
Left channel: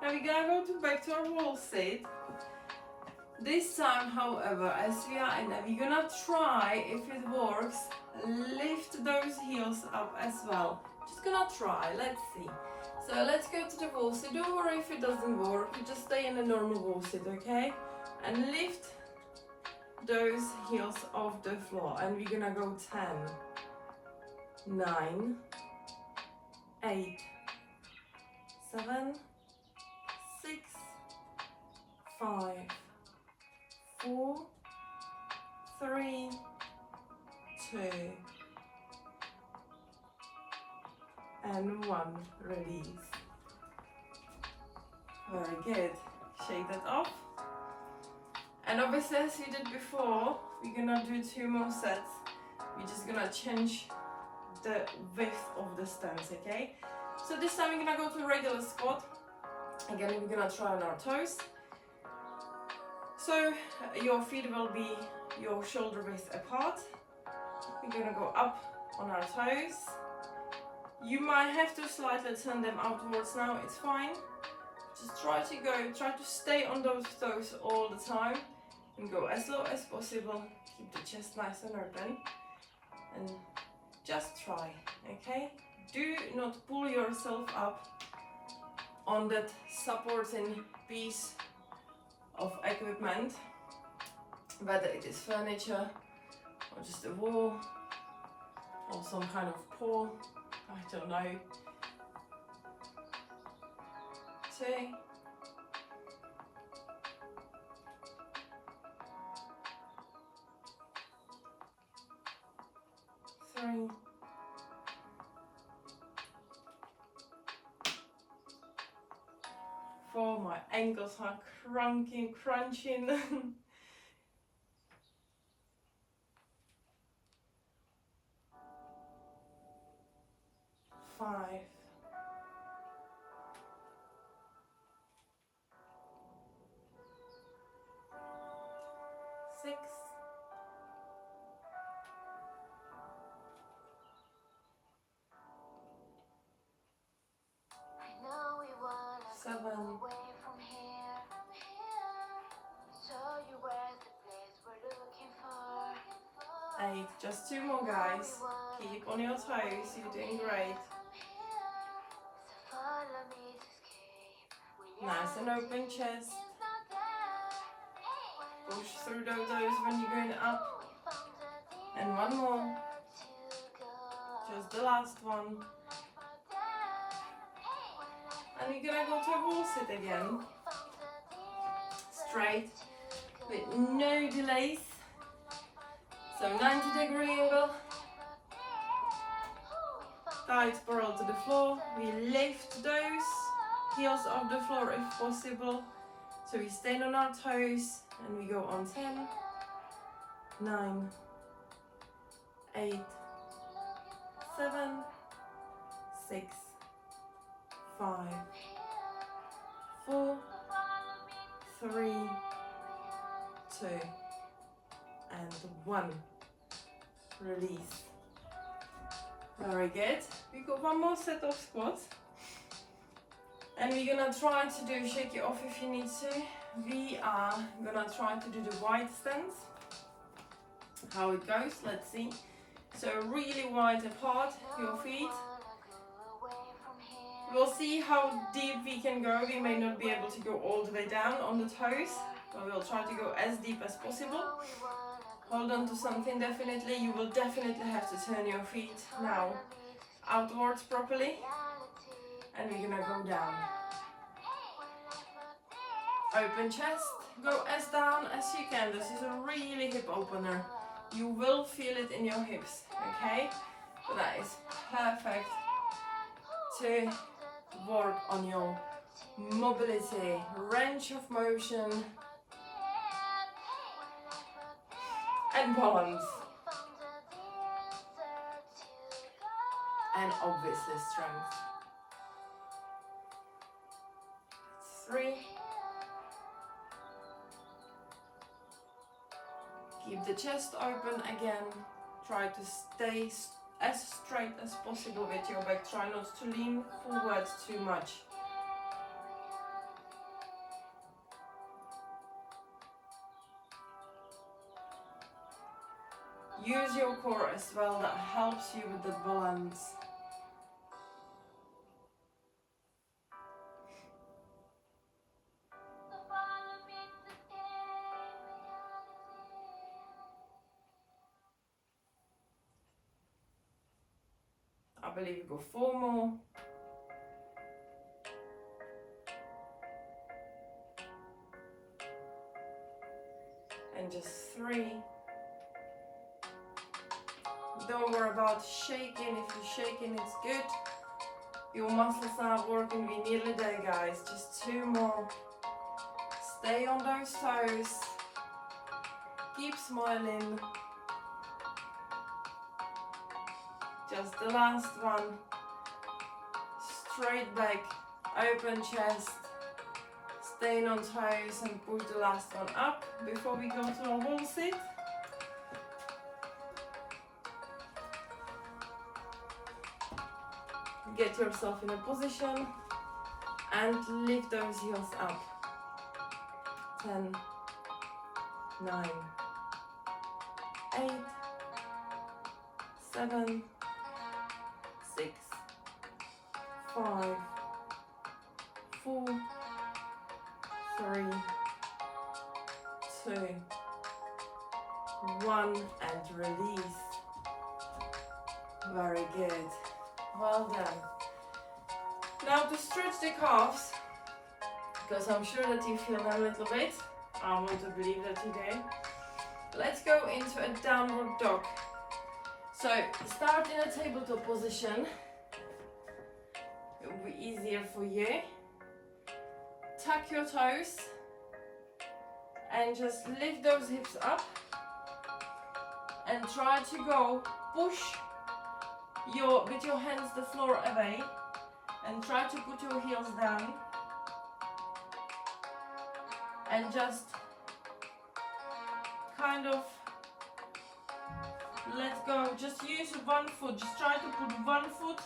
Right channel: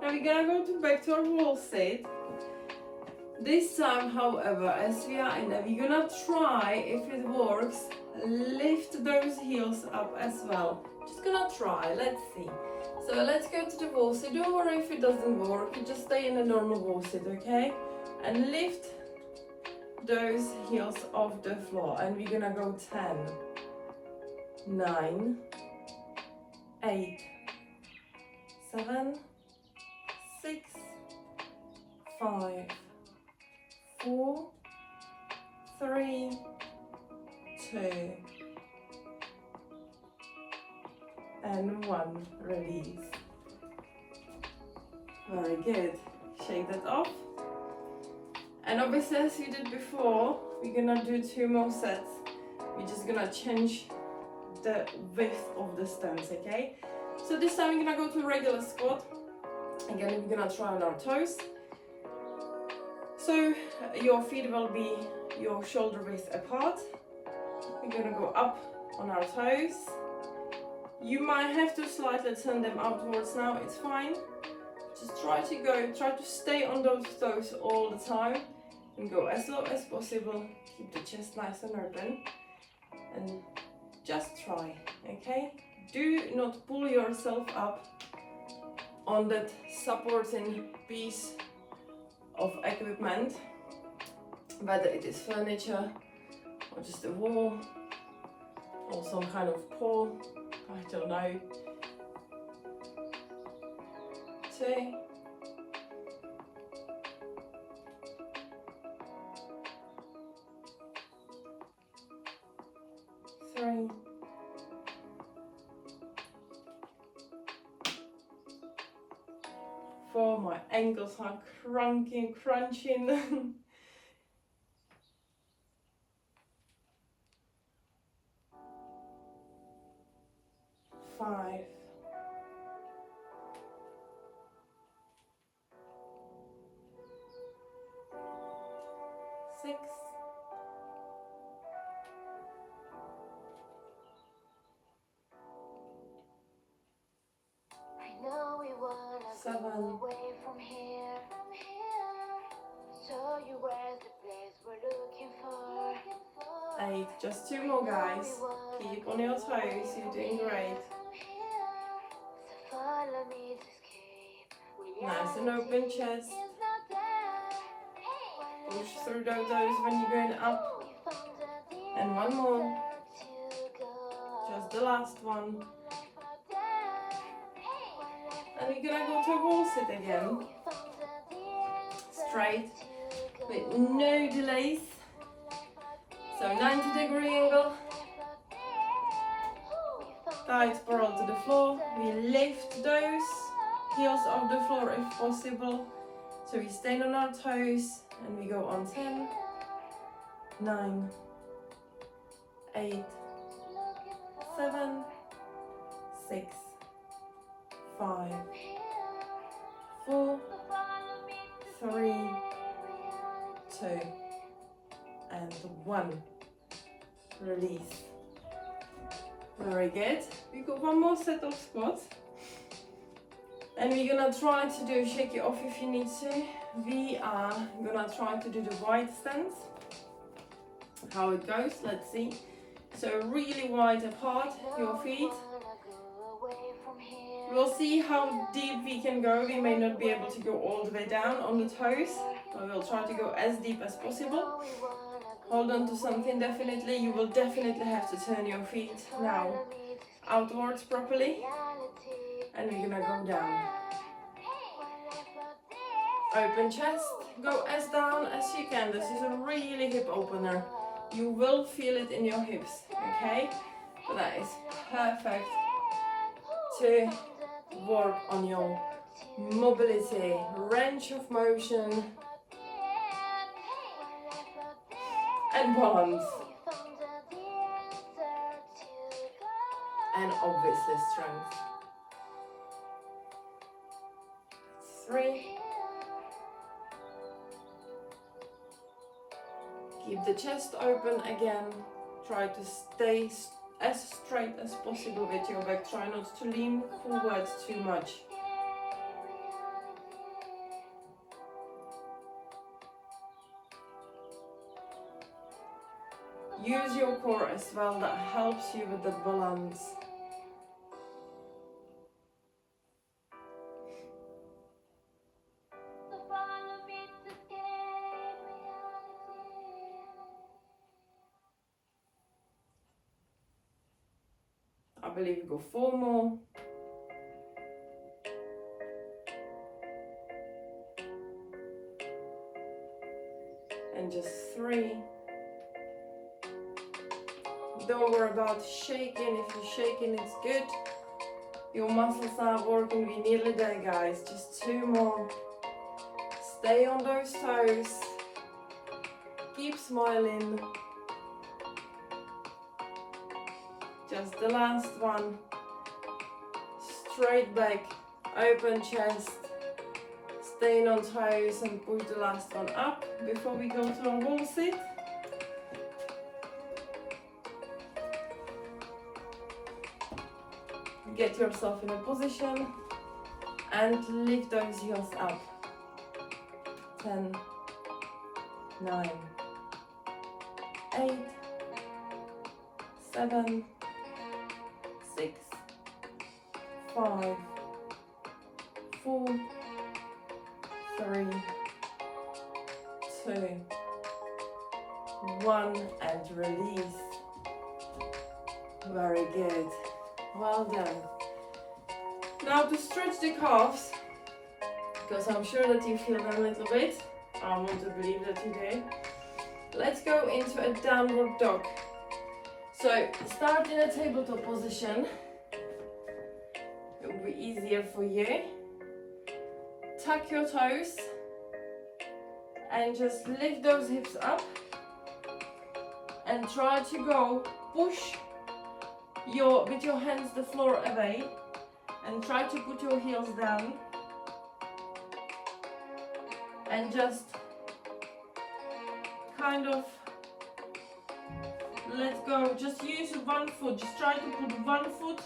Now we're gonna go back to our wall sit. This time, however, as we are in there, we're gonna try, if it works, lift those heels up as well. Just gonna try, let's see. So let's go to the wall sit. Don't worry if it doesn't work, you just stay in a normal wall sit, okay? And lift those heels off the floor. And we're gonna go 10, 9, 8, 7, 6, 5, 4, 3, 2, and 1. Release. Very good. Shake that off. And obviously, as we did before, we're gonna do 2 more sets. We're just gonna change the width of the stance, okay? So this time we're gonna go to regular squat. Again, we're gonna try on our toes. So your feet will be your shoulder width apart. We're gonna go up on our toes. You might have to slightly turn them outwards now, it's fine. Just try to stay on those toes all the time and go as low as possible. Keep the chest nice and open and just try, okay? Do not pull yourself up on that supporting piece of equipment, whether it is furniture or just a wall or some kind of pole, I don't know. 2, 3, 4. My ankles are crunching. 5, 6, 7, 8. Just 2 more, guys. Keep on your toes, you're doing great. Nice and open chest. Push through those toes when you're going up. And 1 more. Just the last one. And you're gonna go to a wall sit again. Straight, with no delays. So 90-degree angle. Thighs parallel to the floor. We lift those heels off the floor if possible. So we stay on our toes and we go on 10, 9, 8, 7, 6, 5, 4, 3, 2, and 1. Release. Very good. We got 1 more set of squats. And we're gonna try to do, shake it off if you need to. We are gonna try to do the wide stance. How it goes, let's see. So really wide apart, your feet. We'll see how deep we can go. We may not be able to go all the way down on the toes, but we'll try to go as deep as possible. Hold on to something definitely. You will definitely have to turn your feet now outwards properly. And we're gonna go down. Open chest, go as down as you can. This is a really hip opener. You will feel it in your hips, okay? But that is perfect to work on your mobility, range of motion, and balance. And obviously strength. 3. Keep the chest open again. Try to stay as straight as possible with your back. Try not to lean forward too much. use your core as well. That helps you with the balance. I believe you go 4 more. And just 3. Don't worry about shaking. If you're shaking, it's good. Your muscles are working. We're nearly there, guys. Just 2 more. Stay on those toes. Keep smiling. Just the last one. Straight back, open chest. Staying on toes and push the last one up before we go to our wall sit. Get yourself in a position and lift those heels up. 10, 9, 8, 7, 6, 5, 4, 3, 2, 1, and release. Very good. Well done. Now to stretch the calves, because I'm sure that you feel them a little bit. I want to believe that you do. Let's go into a downward dog. So start in a tabletop position. It will be easier for you. Tuck your toes and just lift those hips up and try to go push with your hands the floor away and try to put your heels down and just kind of let go. Just use one foot. Just try to put one foot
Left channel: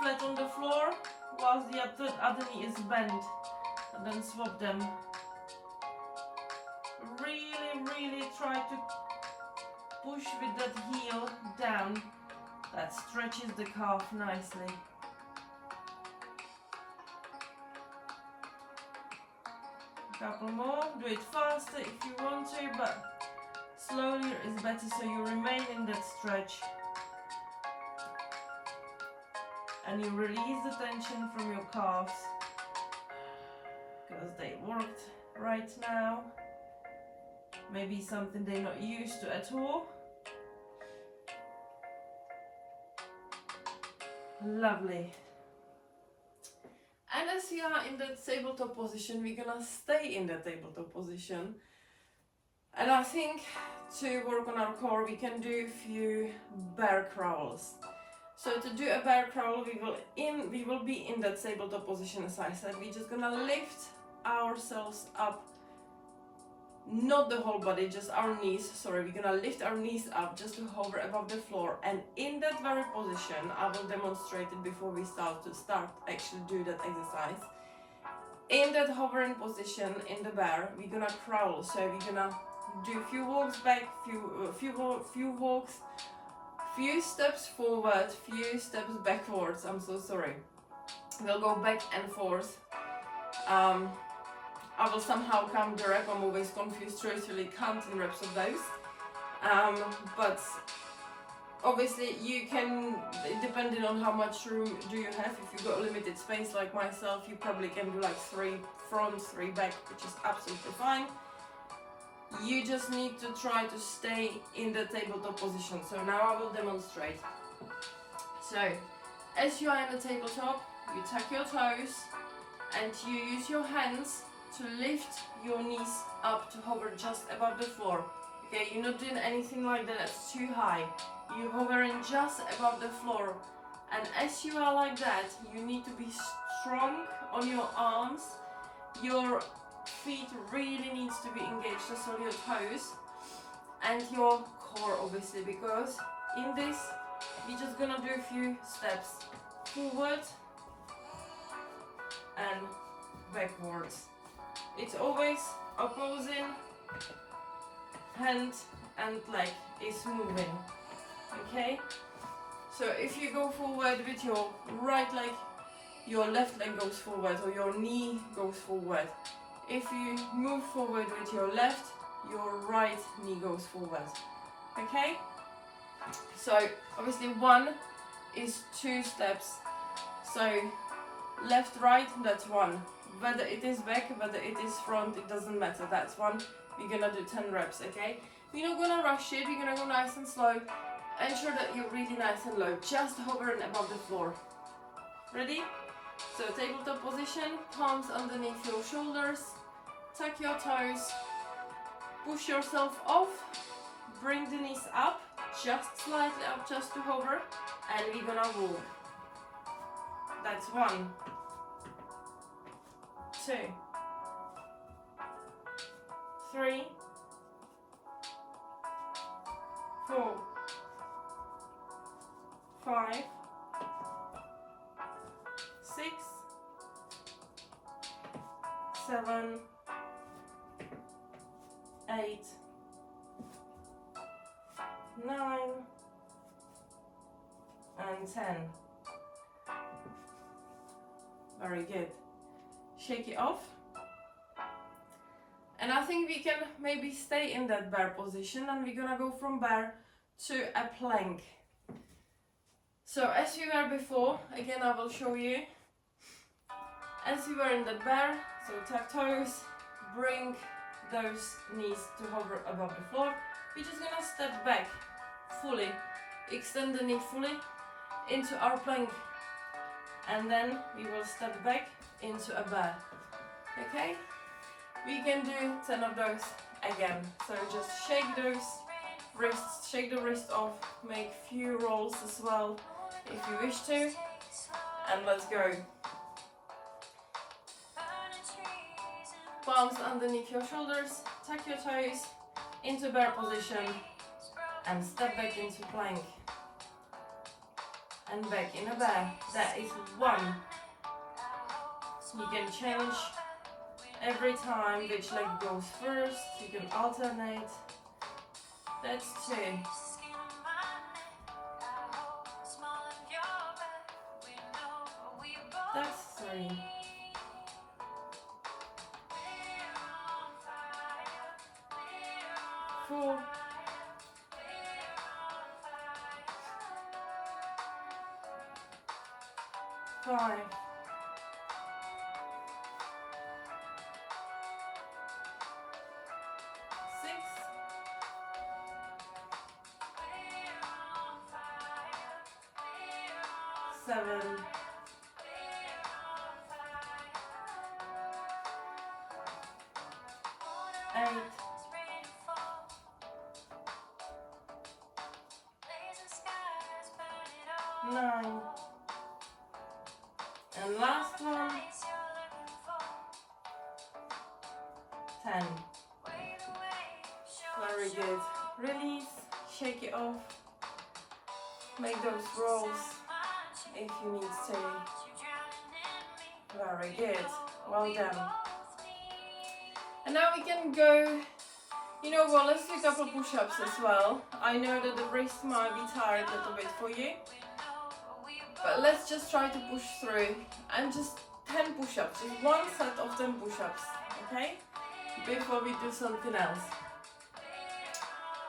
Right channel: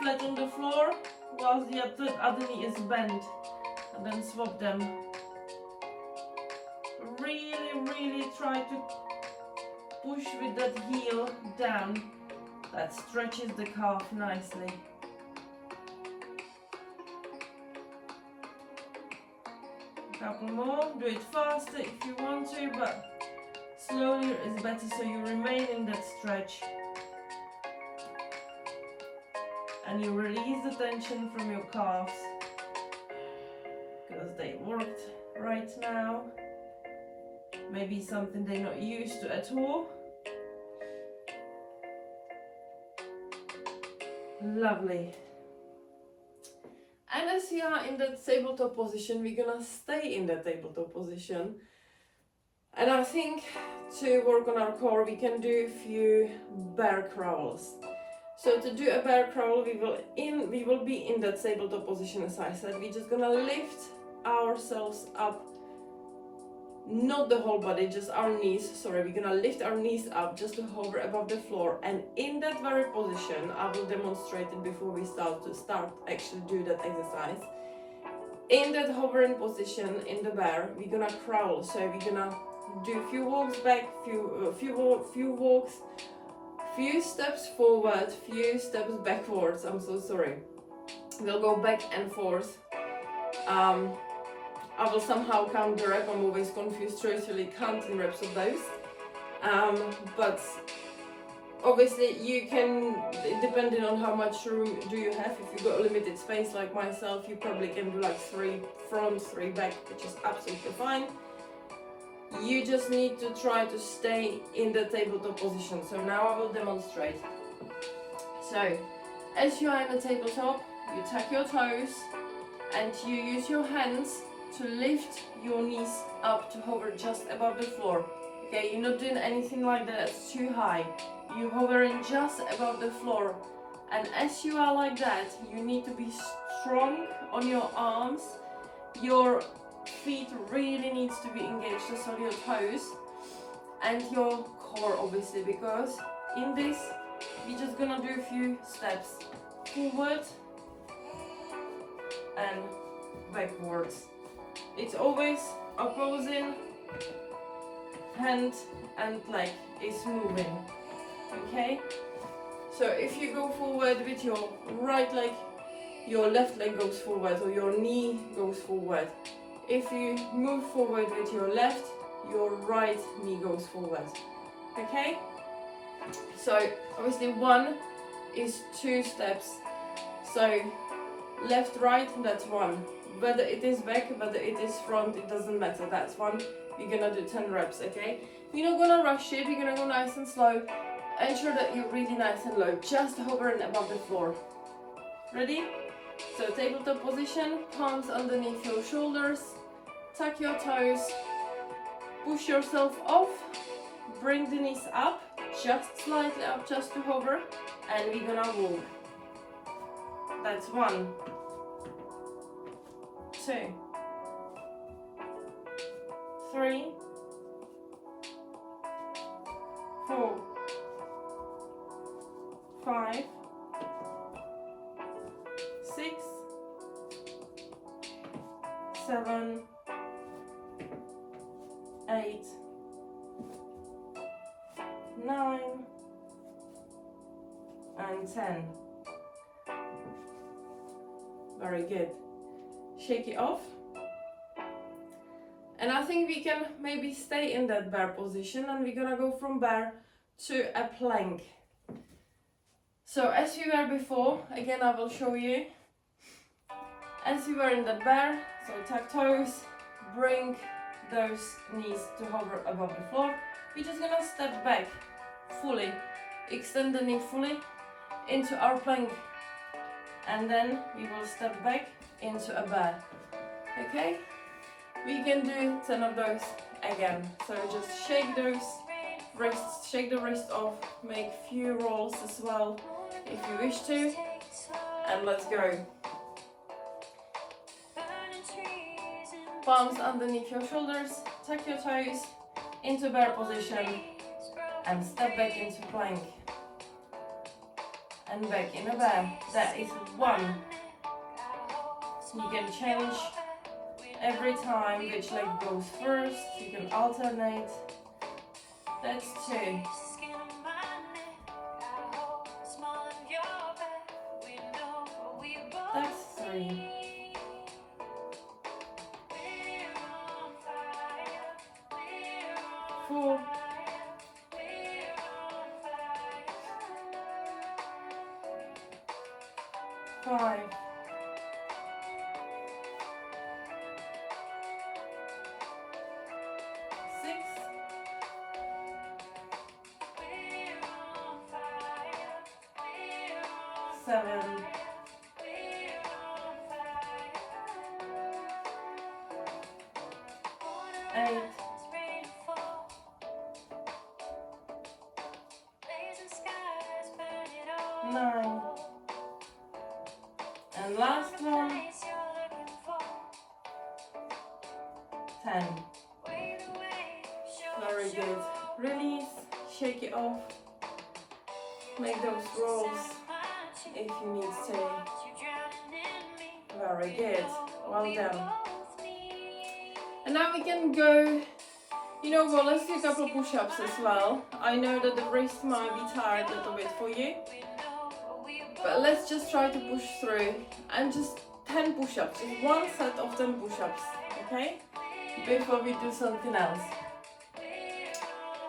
flat on the floor whilst the other knee is bent, and then swap them. Really try to push with that heel down. That stretches the calf nicely. A couple more. Do it faster if you want to, but slowly is better so you remain in that stretch. And you release the tension from your calves because they worked right now. Maybe something they're not used to at all. Lovely. And as we are in that tabletop position, we're gonna stay in that tabletop position. And I think to work on our core, we can do a few bear crawls. So to do a bear crawl, we will be in that tabletop position, as I said. We're just gonna lift ourselves up, not the whole body, just our knees. Sorry, we're gonna lift our knees up just to hover above the floor. And in that very position, I will demonstrate it before we start actually do that exercise. In that hovering position, in the bear, we're gonna crawl. So we're gonna do a few walks back, few walks, few steps forward, few steps backwards. I'm so sorry. We'll go back and forth. I will somehow count the rep. I'm always confused really counting reps of those. But obviously you can, depending on how much room do you have. If you've got a limited space like myself, you probably can do like 3 front, 3 back, which is absolutely fine. You just need to try to stay in the tabletop position. So now I will demonstrate. So as you are in the tabletop, you tuck your toes and you use your hands to lift your knees up to hover just above the floor. Okay, you're not doing anything like that, that's too high. You're hovering just above the floor. And as you are like that, you need to be strong on your arms. Your feet really needs to be engaged, so your toes and your core, obviously, because in this we're just gonna do a few steps forward and backwards. It's always opposing hand and leg is moving. Okay? So if you go forward with your right leg, your left leg goes forward, or your knee goes forward. If you move forward with your left, your right knee goes forward. Okay? So obviously 1 is 2 steps. So left, right, that's 1. Whether it is back, whether it is front, it doesn't matter. That's 1. We're gonna do 10 reps, okay? We're not gonna rush it, we're gonna go nice and slow. Ensure that you're really nice and low, just hovering above the floor. Ready? So tabletop position, palms underneath your shoulders, tuck your toes, push yourself off, bring the knees up, just slightly up, just to hover, and we're gonna walk. That's 1, 2, 3, 4, 5, 6, 7, 8, 9, and 10. Very good. Shake it off. And I think we can maybe stay in that bear position, and we're gonna go from bear to a plank. So as we were before, again I will show you. As we were in the bear, so tuck toes, bring those knees to hover above the floor. We're just gonna step back fully, extend the knee fully into our plank, and then we will step back into a bear. Okay? We can do 10 of those again. So just shake those wrists, shake the wrist off, make few rolls as well if you wish to, and let's go. Palms underneath your shoulders, tuck your toes into bear position, and step back into plank. And back in a bear. That is 1. You can change every time which leg goes first. You can alternate. That's 2. That's 3. 4. 5. 6. 7. 8. 9. And last one, 10. Very good. Release, shake it off. Make those rolls if you need to. Very good. Well done. And now we can go, you know what, let's do a couple of push-ups as well. I know that the wrist might be tired a little bit for you, but let's just try to push through, and just 10 push-ups, just 1 set of 10 push-ups, okay? Before we do something else.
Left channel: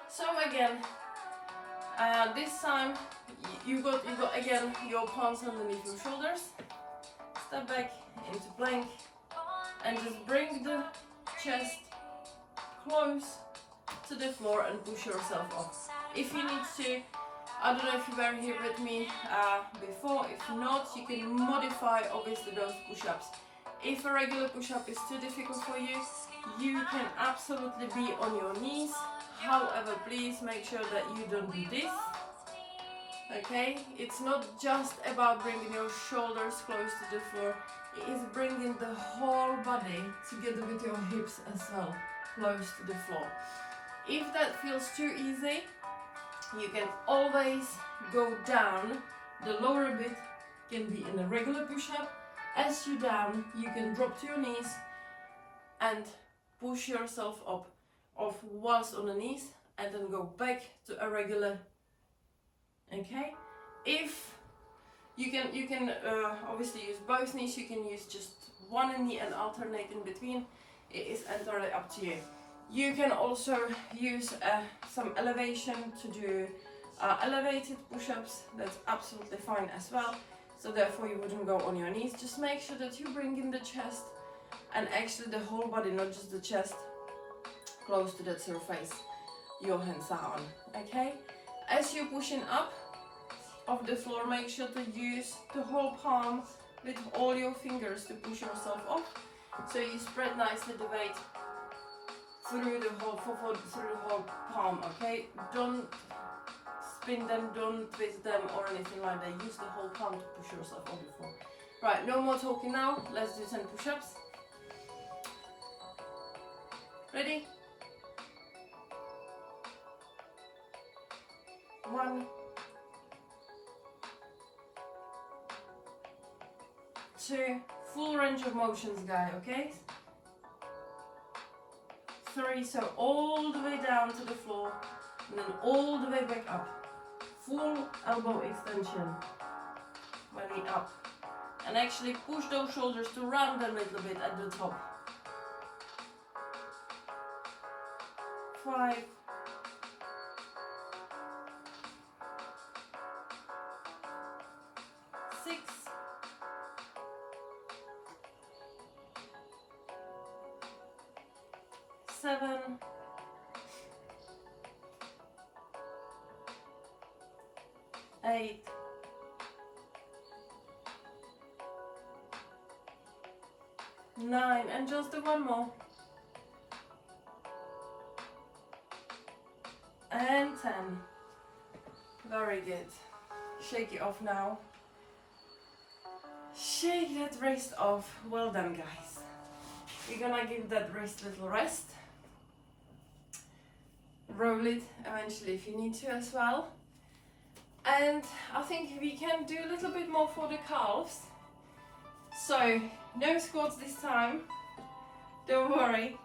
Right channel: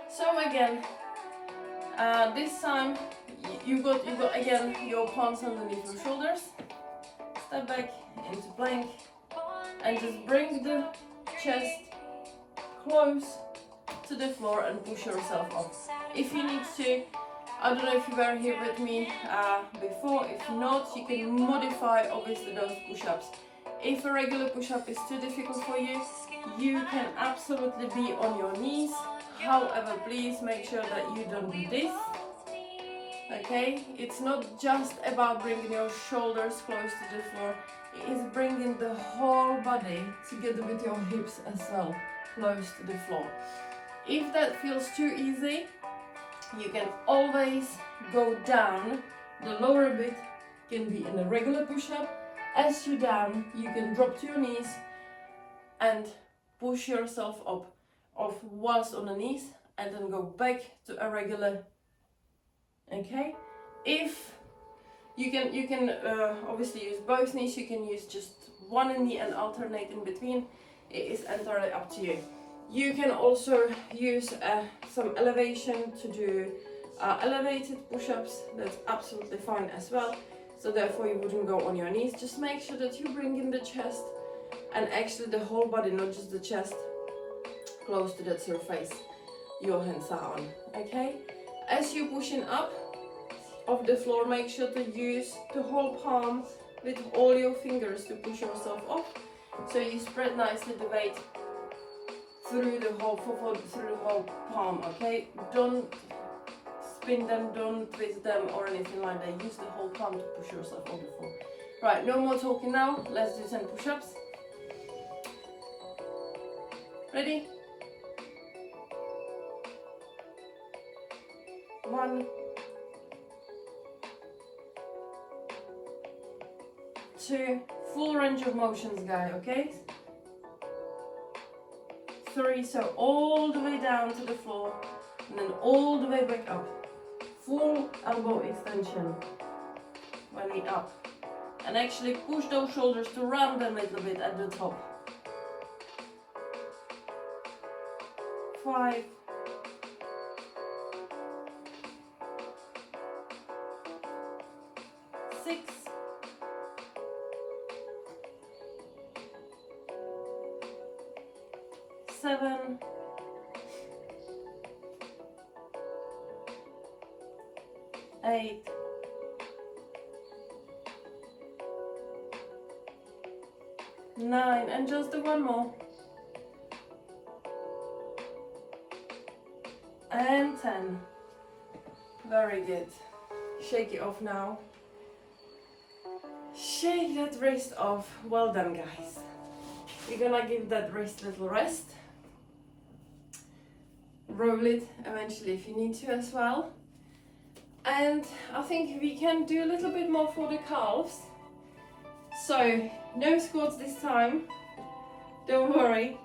So again, this time you got again your palms underneath your shoulders. Step back into plank, and just bring the chest close to the floor and push yourself up. If you need to, I don't know if you were here with me before, if not, you can modify obviously those push-ups. If a regular push-up is too difficult for you, you can absolutely be on your knees. However, please make sure that you don't do this. Okay, it's not just about bringing your shoulders close to the floor, it is bringing the whole body together with your hips as well, close to the floor. If that feels too easy, you can always go down. The lower bit can be in a regular push-up. As you down, you can drop to your knees and push yourself up. of whilst on the knees, and then go back to a regular. Okay, if you can obviously use both knees, you can use just one knee and alternate in between. It is entirely up to you. You can also use some elevation to do elevated push-ups. That's absolutely fine as well. So therefore you wouldn't go on your knees. Just make sure that you bring in the chest and actually the whole body, not just the chest, close to that surface your hands are on. Okay, as you're pushing up off the floor, make sure to use the whole palm with all your fingers to push yourself off, so you spread nicely the weight through the whole through the whole palm. Okay, don't spin them, don't twist them or anything like that. Use the whole palm to push yourself off the floor. Right, no more talking now. Let's do 10 push-ups. Ready? 1, 2, full range of motions, guys, okay? 3, so all the way down to the floor, and then all the way back up. Full elbow extension when we up. And actually push those shoulders to round them a little bit at the top. 5, 6, 7, 8, 9, and just do one more. And 10. Very good. Shake it off now. Shake that wrist off. Well done, guys. We're gonna give that wrist a little rest. Roll it eventually if you need to as well. And I think we can do a little bit more for the calves. So no squats this time, don't worry.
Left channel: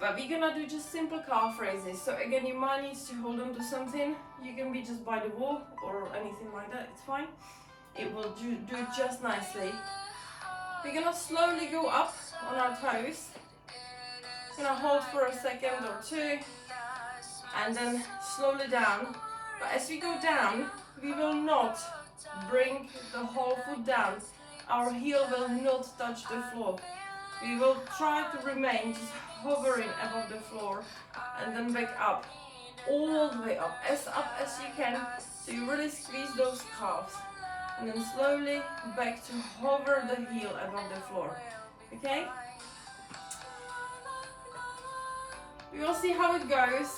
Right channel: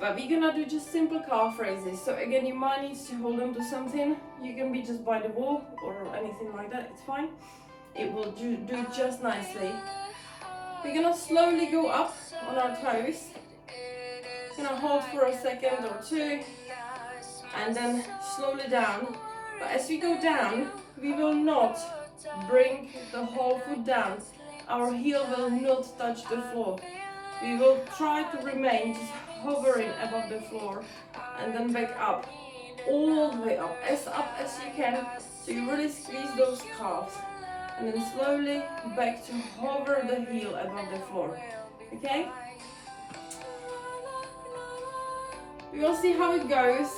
But we're gonna do just simple calf raises. So again, you might need to hold on to something. You can be just by the wall or anything like that, it's fine. It will do just nicely. We're gonna slowly go up on our toes. Gonna hold for a second or two, and then slowly down. But as we go down, we will not bring the whole foot down. Our heel will not touch the floor. We will try to remain just hovering above the floor, and then back up, all the way up as you can, so you really squeeze those calves, and then slowly back to hover the heel above the floor. Okay? We will see how it goes.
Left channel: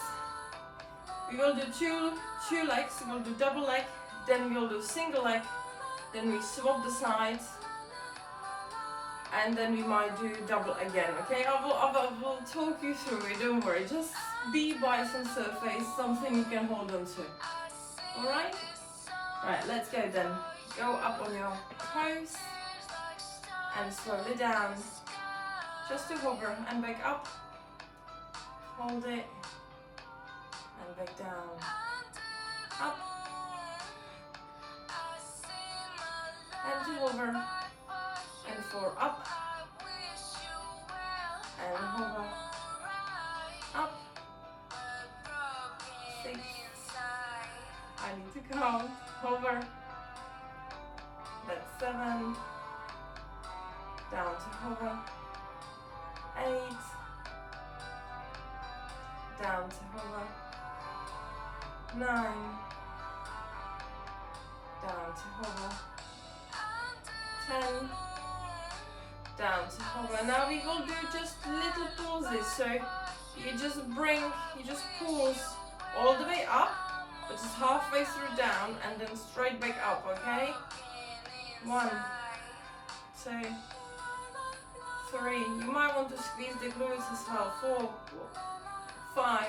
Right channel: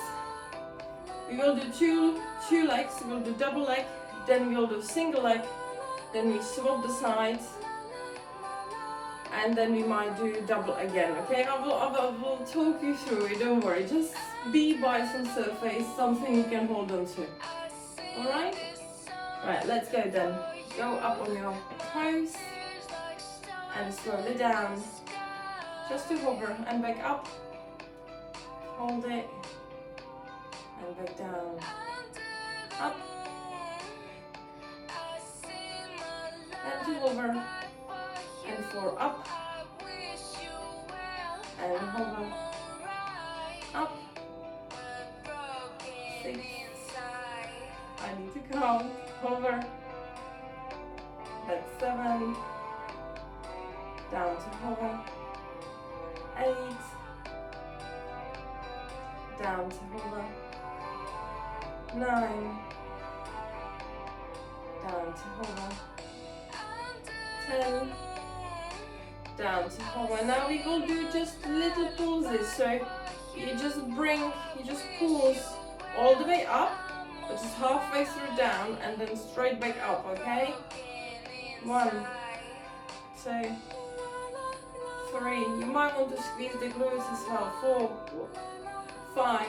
We will do two legs. We will do double leg, then we will do single leg, then we swap the sides, and then we might do double again. Okay, I will talk you through it, don't worry. Just be by some surface, something you can hold on to. Alright? Alright, let's go then. Go up on your toes and slowly down, just to hover, and back up. Hold it and back down, up, and to hover, and 4 up, and hover, up, 6, I need to count, hover, that's 7, down to hover, 8, down to hover, 9, down to hover, 10, down to hover. Now we will do just little pulses, so you just pulse all the way up, which is halfway through down, and then straight back up, okay? 1, 2, 3, you might want to squeeze the glutes as well, 4, 5,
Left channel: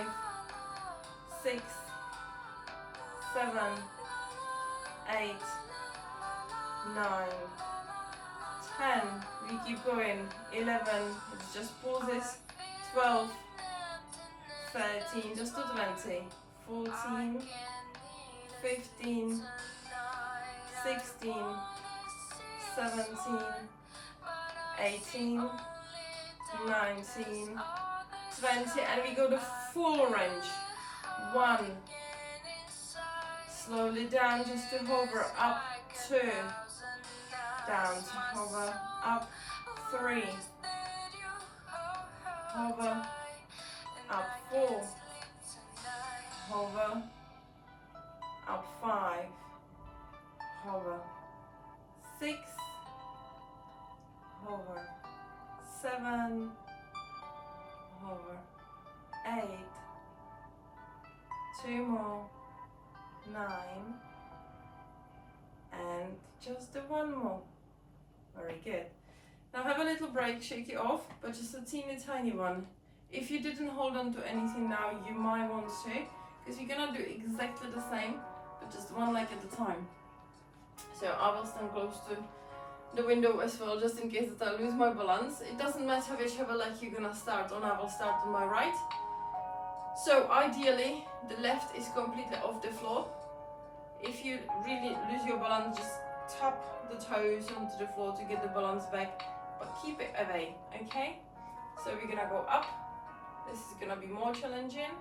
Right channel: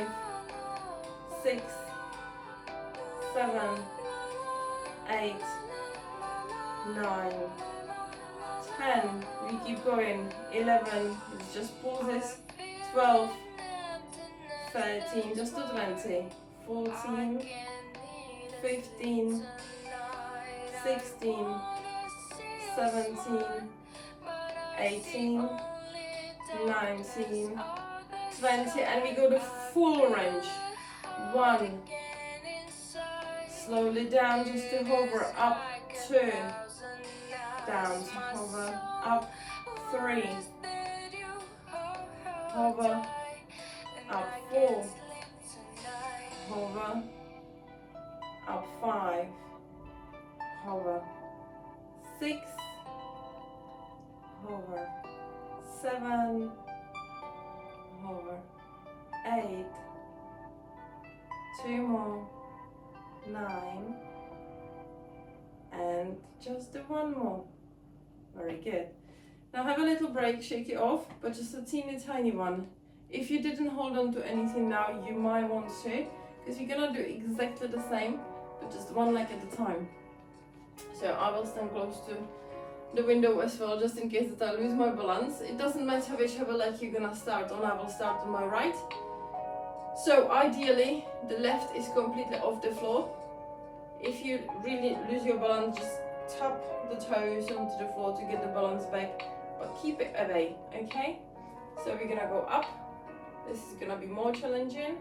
6, 7, 8, 9, 10, we keep going, 11, it's just pauses, 12, 13, just to 20, 14, 15, 16, 17, 18, 19, 20, and we go the full range. 1, slowly down just to hover, up 2, down to hover, up 3, hover, up 4, hover, up 5, hover, 6, hover, 7, hover, 8, 2 more, 9, and just do 1 more. Very good. Now have a little break, shake it off, but just a teeny tiny one. If you didn't hold on to anything now, you might want to, because you're gonna do exactly the same, but just 1 leg at a time. So I will stand close to the window as well, just in case that I lose my balance. It doesn't matter whichever leg you're gonna start on, I will start on my right. So ideally, the left is completely off the floor. If you really lose your balance, just tap the toes onto the floor to get the balance back, but keep it away, okay? So we're gonna go up. This is gonna be more challenging.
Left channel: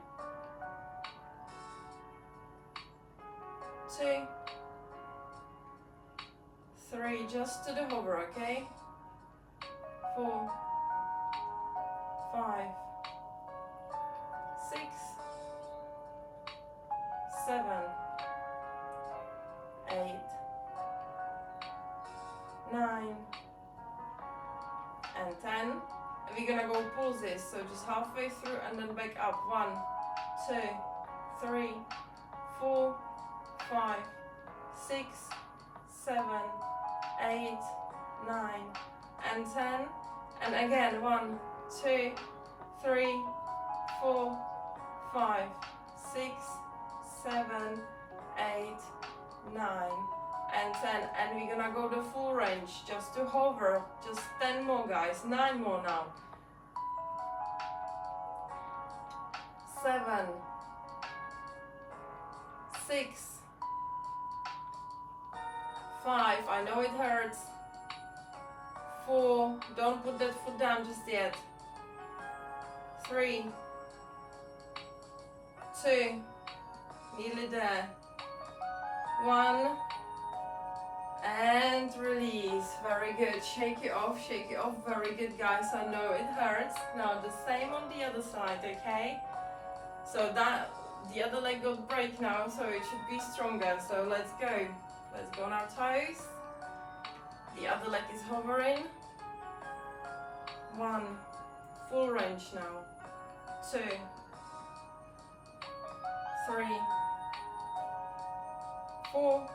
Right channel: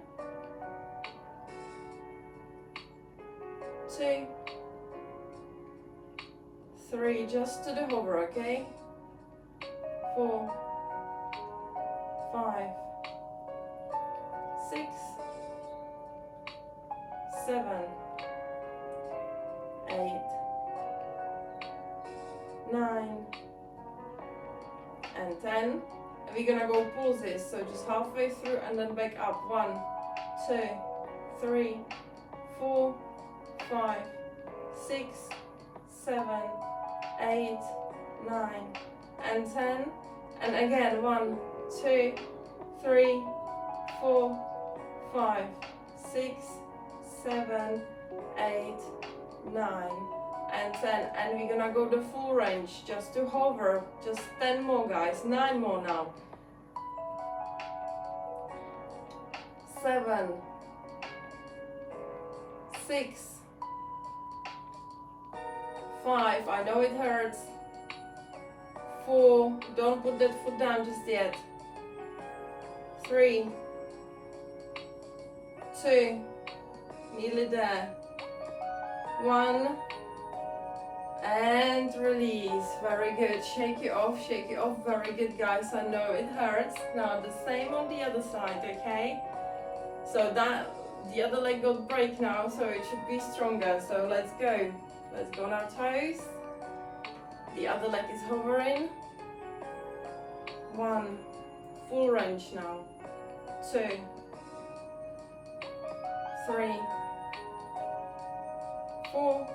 2, 3, just to the hover, okay? 4, 5, 6, 7, 8, 9, and 10. And we're gonna go pulses, so just halfway through and then back up. 1, 2, 3, 4, 5, 6, 7, 8, 9, and 10. And again, 1, 2, 3, 4, 5, 6, 7, 8, 9, and 10. And we're gonna go the full range, just to hover, just 10 more guys, 9 more now. 7, 6, 5, I know it hurts. 4, don't put that foot down just yet. 3, 2, nearly there. 1, and release. Very good. Shake it off, shake it off. Very good, guys. I know it hurts. Now the same on the other side, okay? So that the other leg got break now, so it should be stronger. So let's go. Let's go on our toes. The other leg is hovering. 1, full range now. 2, 3, 4,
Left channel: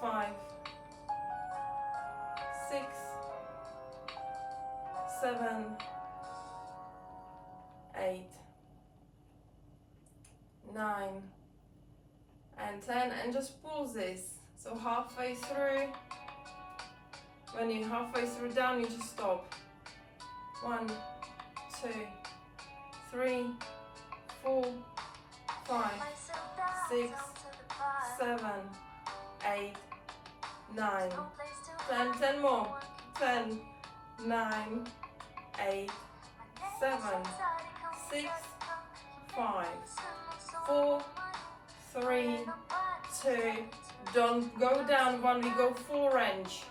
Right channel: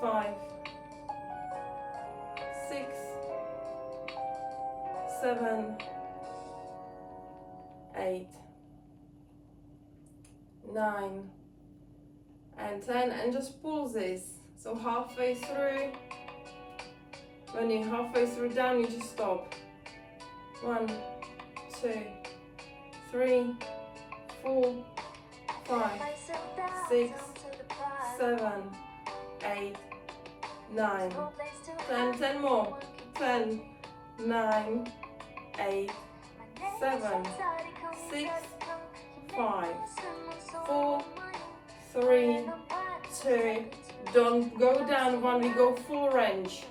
5, 6, 7, 8, 9, and 10, and just pulse this. So halfway through, when you're halfway through down, you just stop. 1, 2, 3, 4, 5, 6, 7, 8, 9, 10, 10 more. 10, 9, 8, 7, 6, 5, 4, 3, 2, don't go down. 1, we go full range.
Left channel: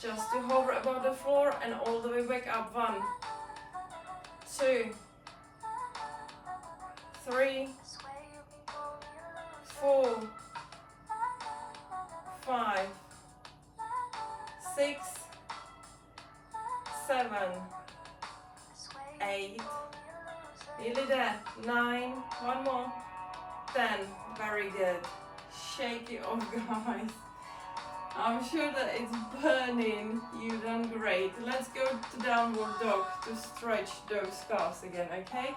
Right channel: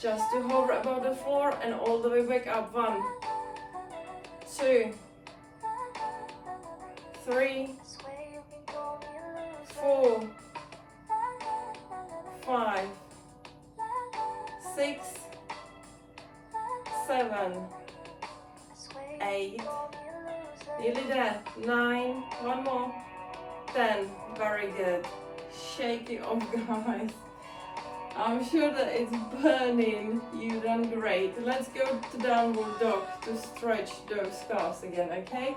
Just to hover above the floor and all the way back up. 1, 2, 3, 4, 5, 6, 7, 8, nearly there. 9, 1 more. 10, very good. Shake it off, guys. I'm sure that it's burning. You've done great. Let's go to downward dog to stretch those calves again, okay?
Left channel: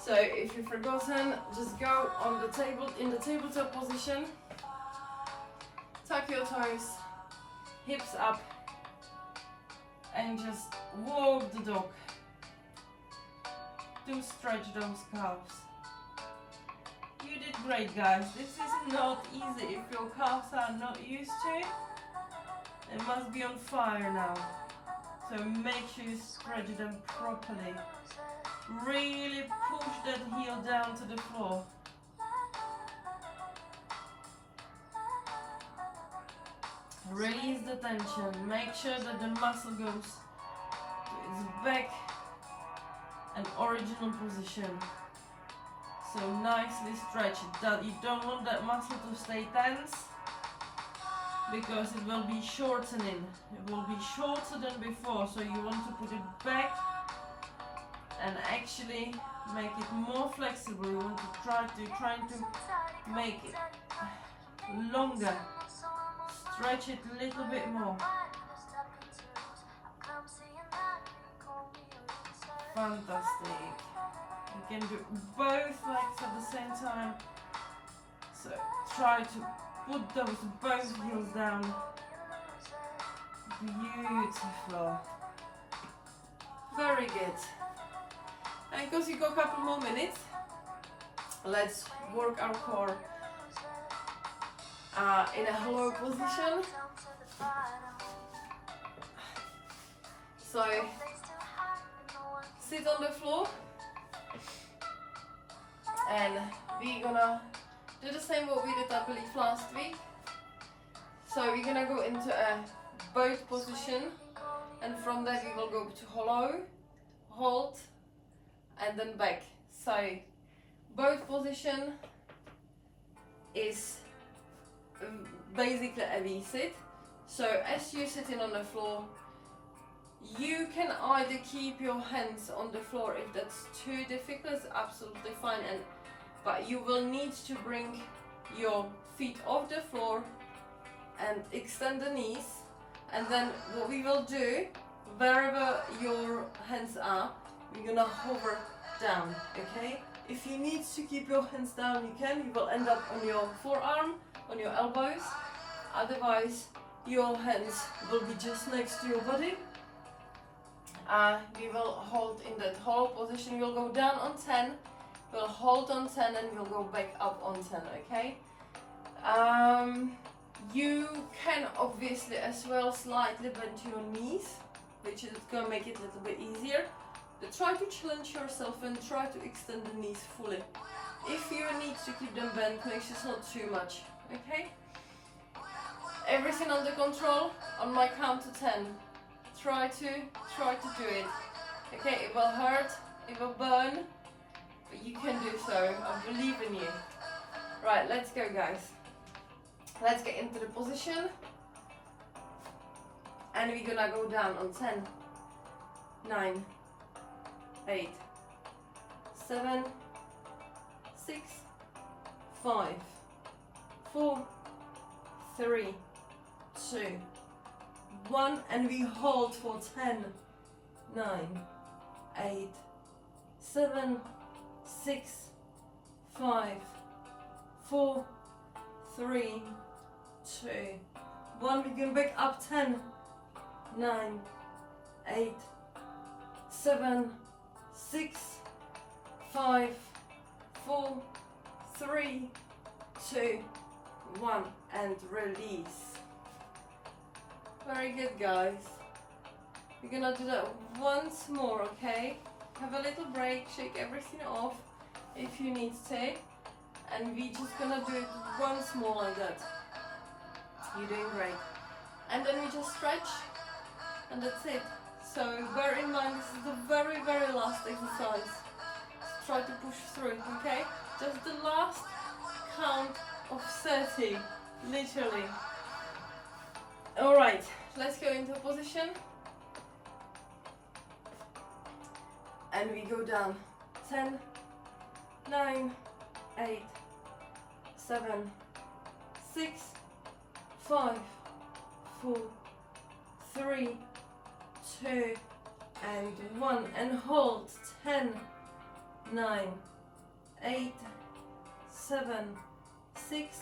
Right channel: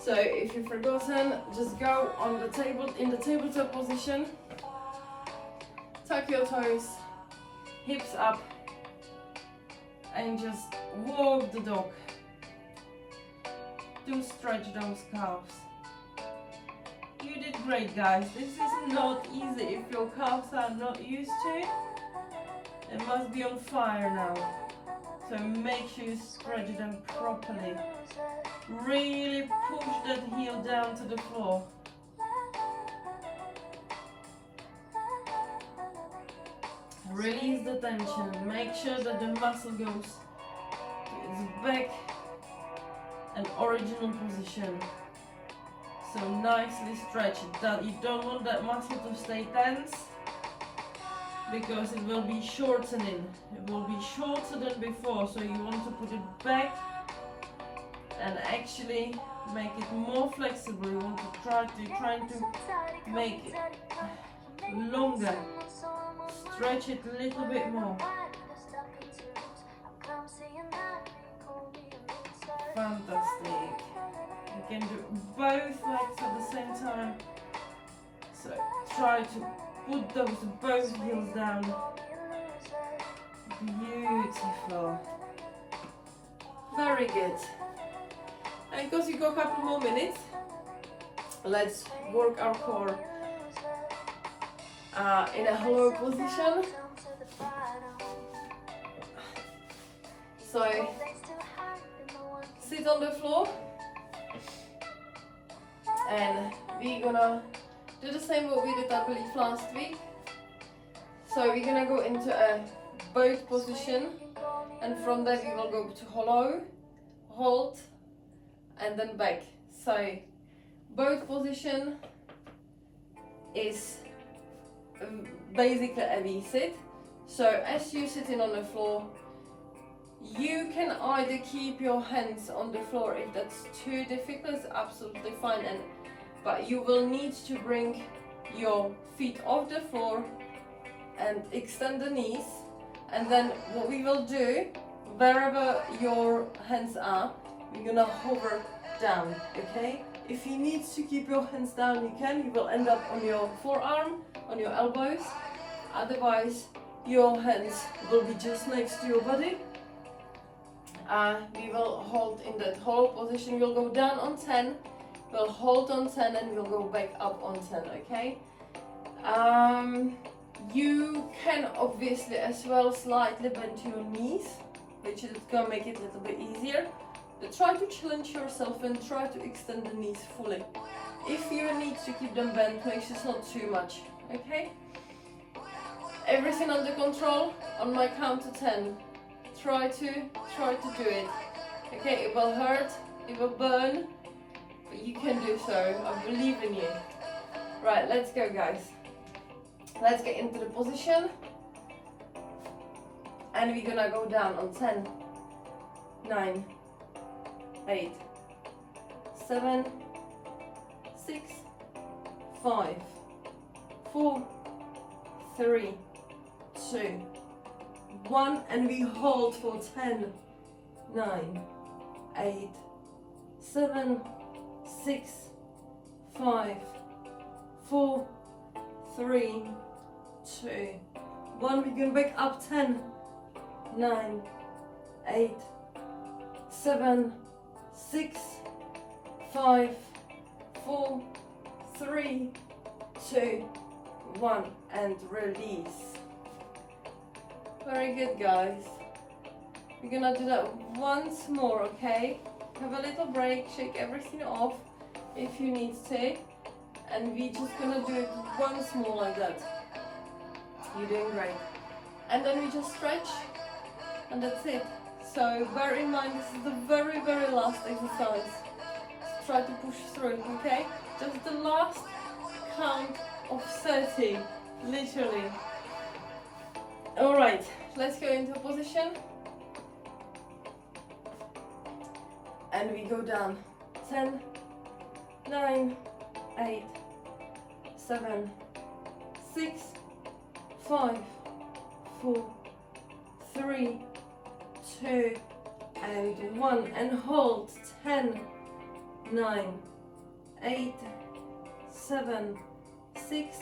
So if you've forgotten, just go on the table, in the tabletop position. Tuck your toes, hips up, and just walk the dog. to stretch those calves. You did great, guys. This is not easy if your calves are not used to it. They must be on fire now. So make sure you stretch them properly. Really push that heel down to the floor. Release the tension. Make sure that the muscle goes to its back and original position. So nicely stretch it. That you don't want that muscle to stay tense, because it will be shortening. It will be shorter than before, so you want to put it back and actually make it more flexible. You want to trying to make it longer. Stretch it a little bit more. Fantastic. You can do both legs at the same time. So try to put those both heels down. Beautiful. Very good. And because you got a couple more minutes, let's work our core in a hollow position. So sit on the floor, and we're gonna do the same what we did, I believe, last week. So we're gonna go into a boat position, and from there we will go to hollow, hold, and then back. So boat position is basically a V-sit. So as you're sitting on the floor, you can either keep your hands on the floor. If that's too difficult, it's absolutely fine, but you will need to bring your feet off the floor and extend the knees. And then what we will do, wherever your hands are, we're gonna hover down, okay? If you need to keep your hands down, you can. You will end up on your forearm, on your elbows. Otherwise, your hands will be just next to your body. We will hold in that hollow position. We'll go down on 10, we'll hold on 10, and we'll go back up on 10, okay? You can obviously as well slightly bend your knees, which is going to make it a little bit easier. But try to challenge yourself and try to extend the knees fully. If you need to keep them bent, make sure it's not too much, okay? Everything under control. On my count to 10. Try to do it. Okay, it will hurt, it will burn, but you can do so. I believe in you. Right, let's go, guys. Let's get into the position. And we're gonna go down on 10, 9, 8, 7, 6, 5, 4, 3, 2, 1, and we hold for 10, 9, 8, 7, 6, 5, 4, 3, 2, 1. We can back up 10, 9, 8, 7, 6, 5, 4, 3, 2, 1, and release. Very good, guys. We're gonna do that once more, okay? Have a little break, shake everything off if you need to, and we're just gonna do it once more like that. You're doing great. And then we just stretch, and that's it. So bear in mind, this is the very, very last exercise. Try to push through, okay? Just the last count of 30, literally. Alright, let's go into a position. And we go down. 10, 9, 8, 7, 6, 5, 4, 3, 2, and 1. And hold. 10, 9, 8, 7, 6,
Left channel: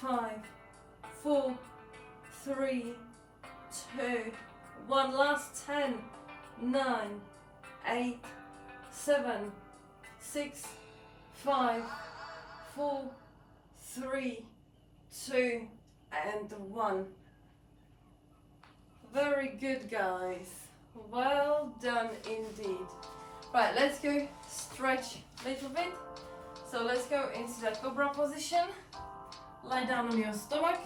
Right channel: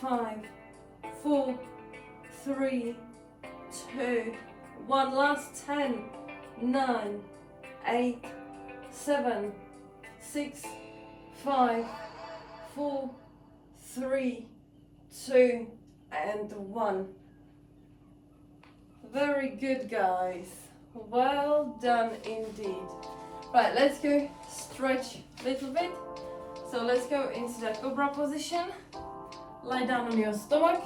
5, 4, 3, 2, 1. Last 10, 9, 8, 7, 6, 5, 4, 3, 2, and 1. Very good, guys. Well done indeed. Right, let's go stretch a little bit. So let's go into that cobra position. Lie down on your stomach.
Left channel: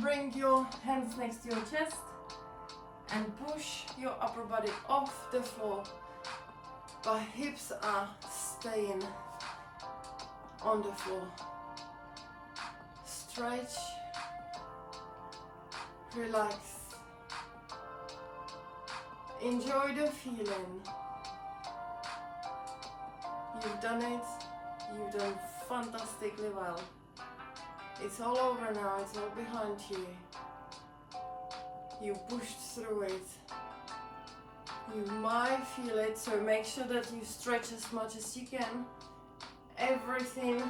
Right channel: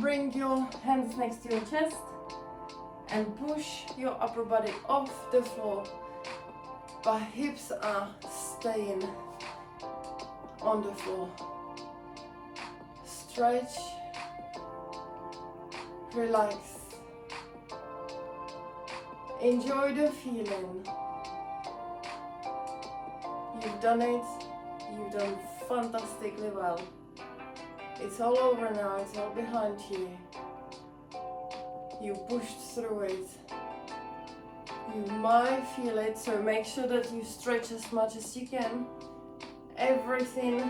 Bring your hands next to your chest and push your upper body off the floor, but hips are staying on the floor. Stretch, relax, enjoy the feeling. You've done it, you've done fantastically well. It's all over now, it's all behind you. You pushed through it. You might feel it, so make sure that you stretch as much as you can. Everything,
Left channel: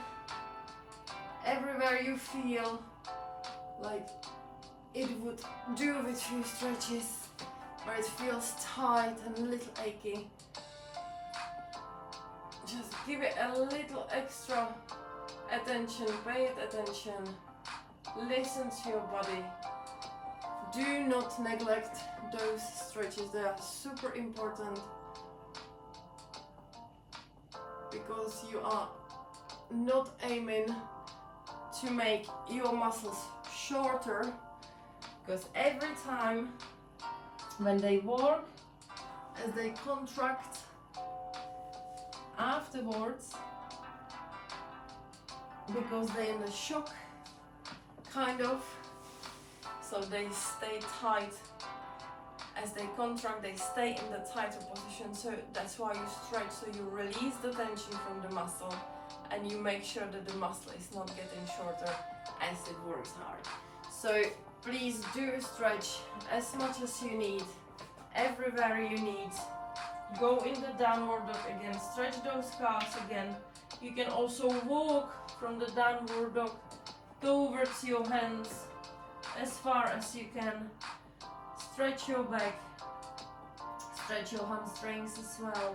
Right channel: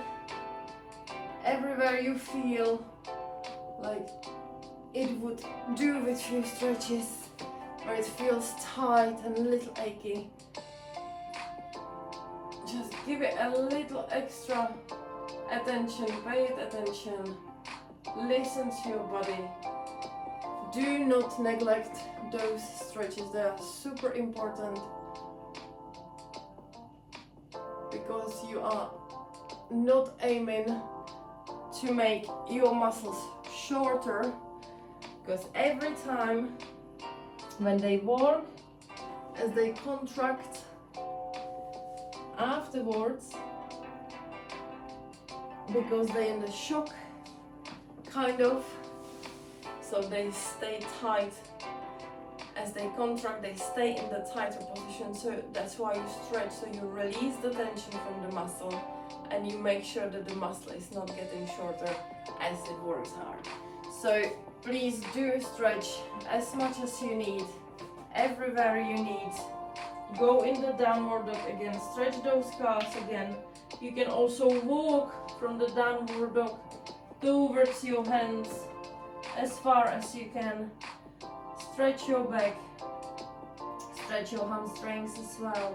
everywhere you feel like it would do with few stretches, where it feels tight and a little achy. Just give it a little extra attention, pay it attention, listen to your body. Do not neglect those stretches, they are super important, because you are not aiming to make your muscles shorter, because every time when they work, as they contract afterwards, because they're in the shock kind of, so they stay tight. As they contract, they stay in the tighter position, so that's why you stretch, so you release the tension from the muscle and you make sure that the muscle is not getting shorter as it works hard. So please do stretch as much as you need, everywhere you need. Go in the downward dog again, stretch those calves again. You can also walk from the downward dog towards your hands as far as you can. Stretch your back, stretch your hamstrings as well.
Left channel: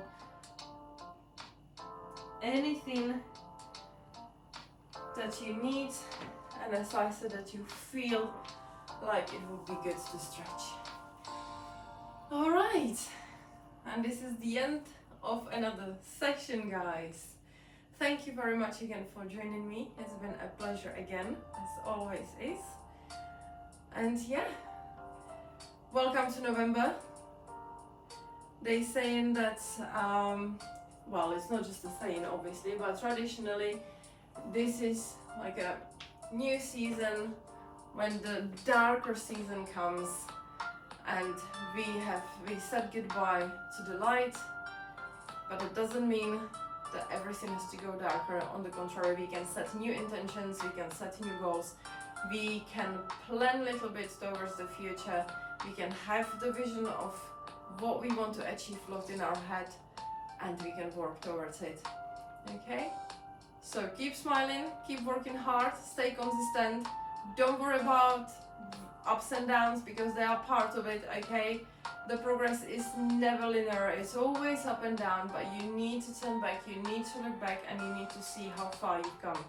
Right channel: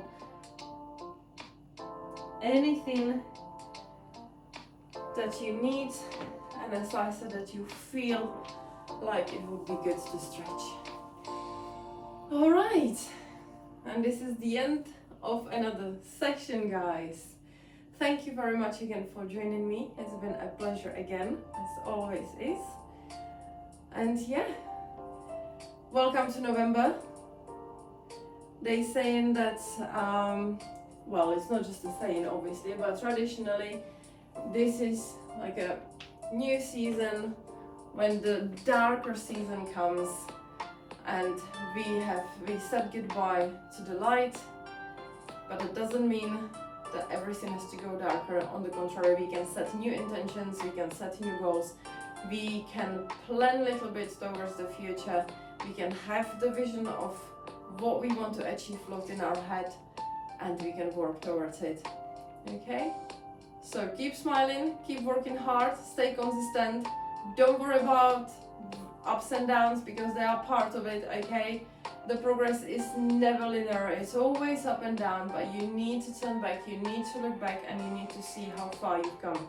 Anything that you need, and as I said, that you feel like it would be good to stretch. All right, and this is the end of another section, guys. Thank you very much again for joining me. It's been a pleasure again, as always is. And yeah, welcome to November. They saying that, well, it's not just a saying obviously, but traditionally this is like a new season when the darker season comes, and we said goodbye to the light, but it doesn't mean that everything has to go darker. On the contrary, we can set new intentions, we can set new goals, we can plan a little bit towards the future, we can have the vision of what we want to achieve locked in our head, and we can work towards it. Okay? So keep smiling, keep working hard, stay consistent, don't worry about ups and downs, because they are part of it, okay? The progress is never linear, it's always up and down, but you need to turn back, you need to look back, and you need to see how far you've come.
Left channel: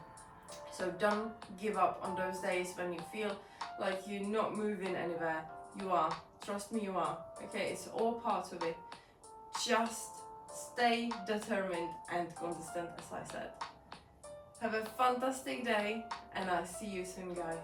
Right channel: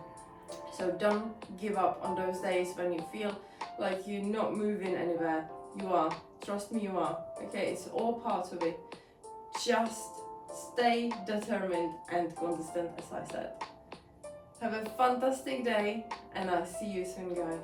So don't give up on those days when you feel like you're not moving anywhere. You are, trust me, you are, okay? It's all part of it. Just stay determined and consistent, as I said. Have a fantastic day, and I'll see you soon, guys.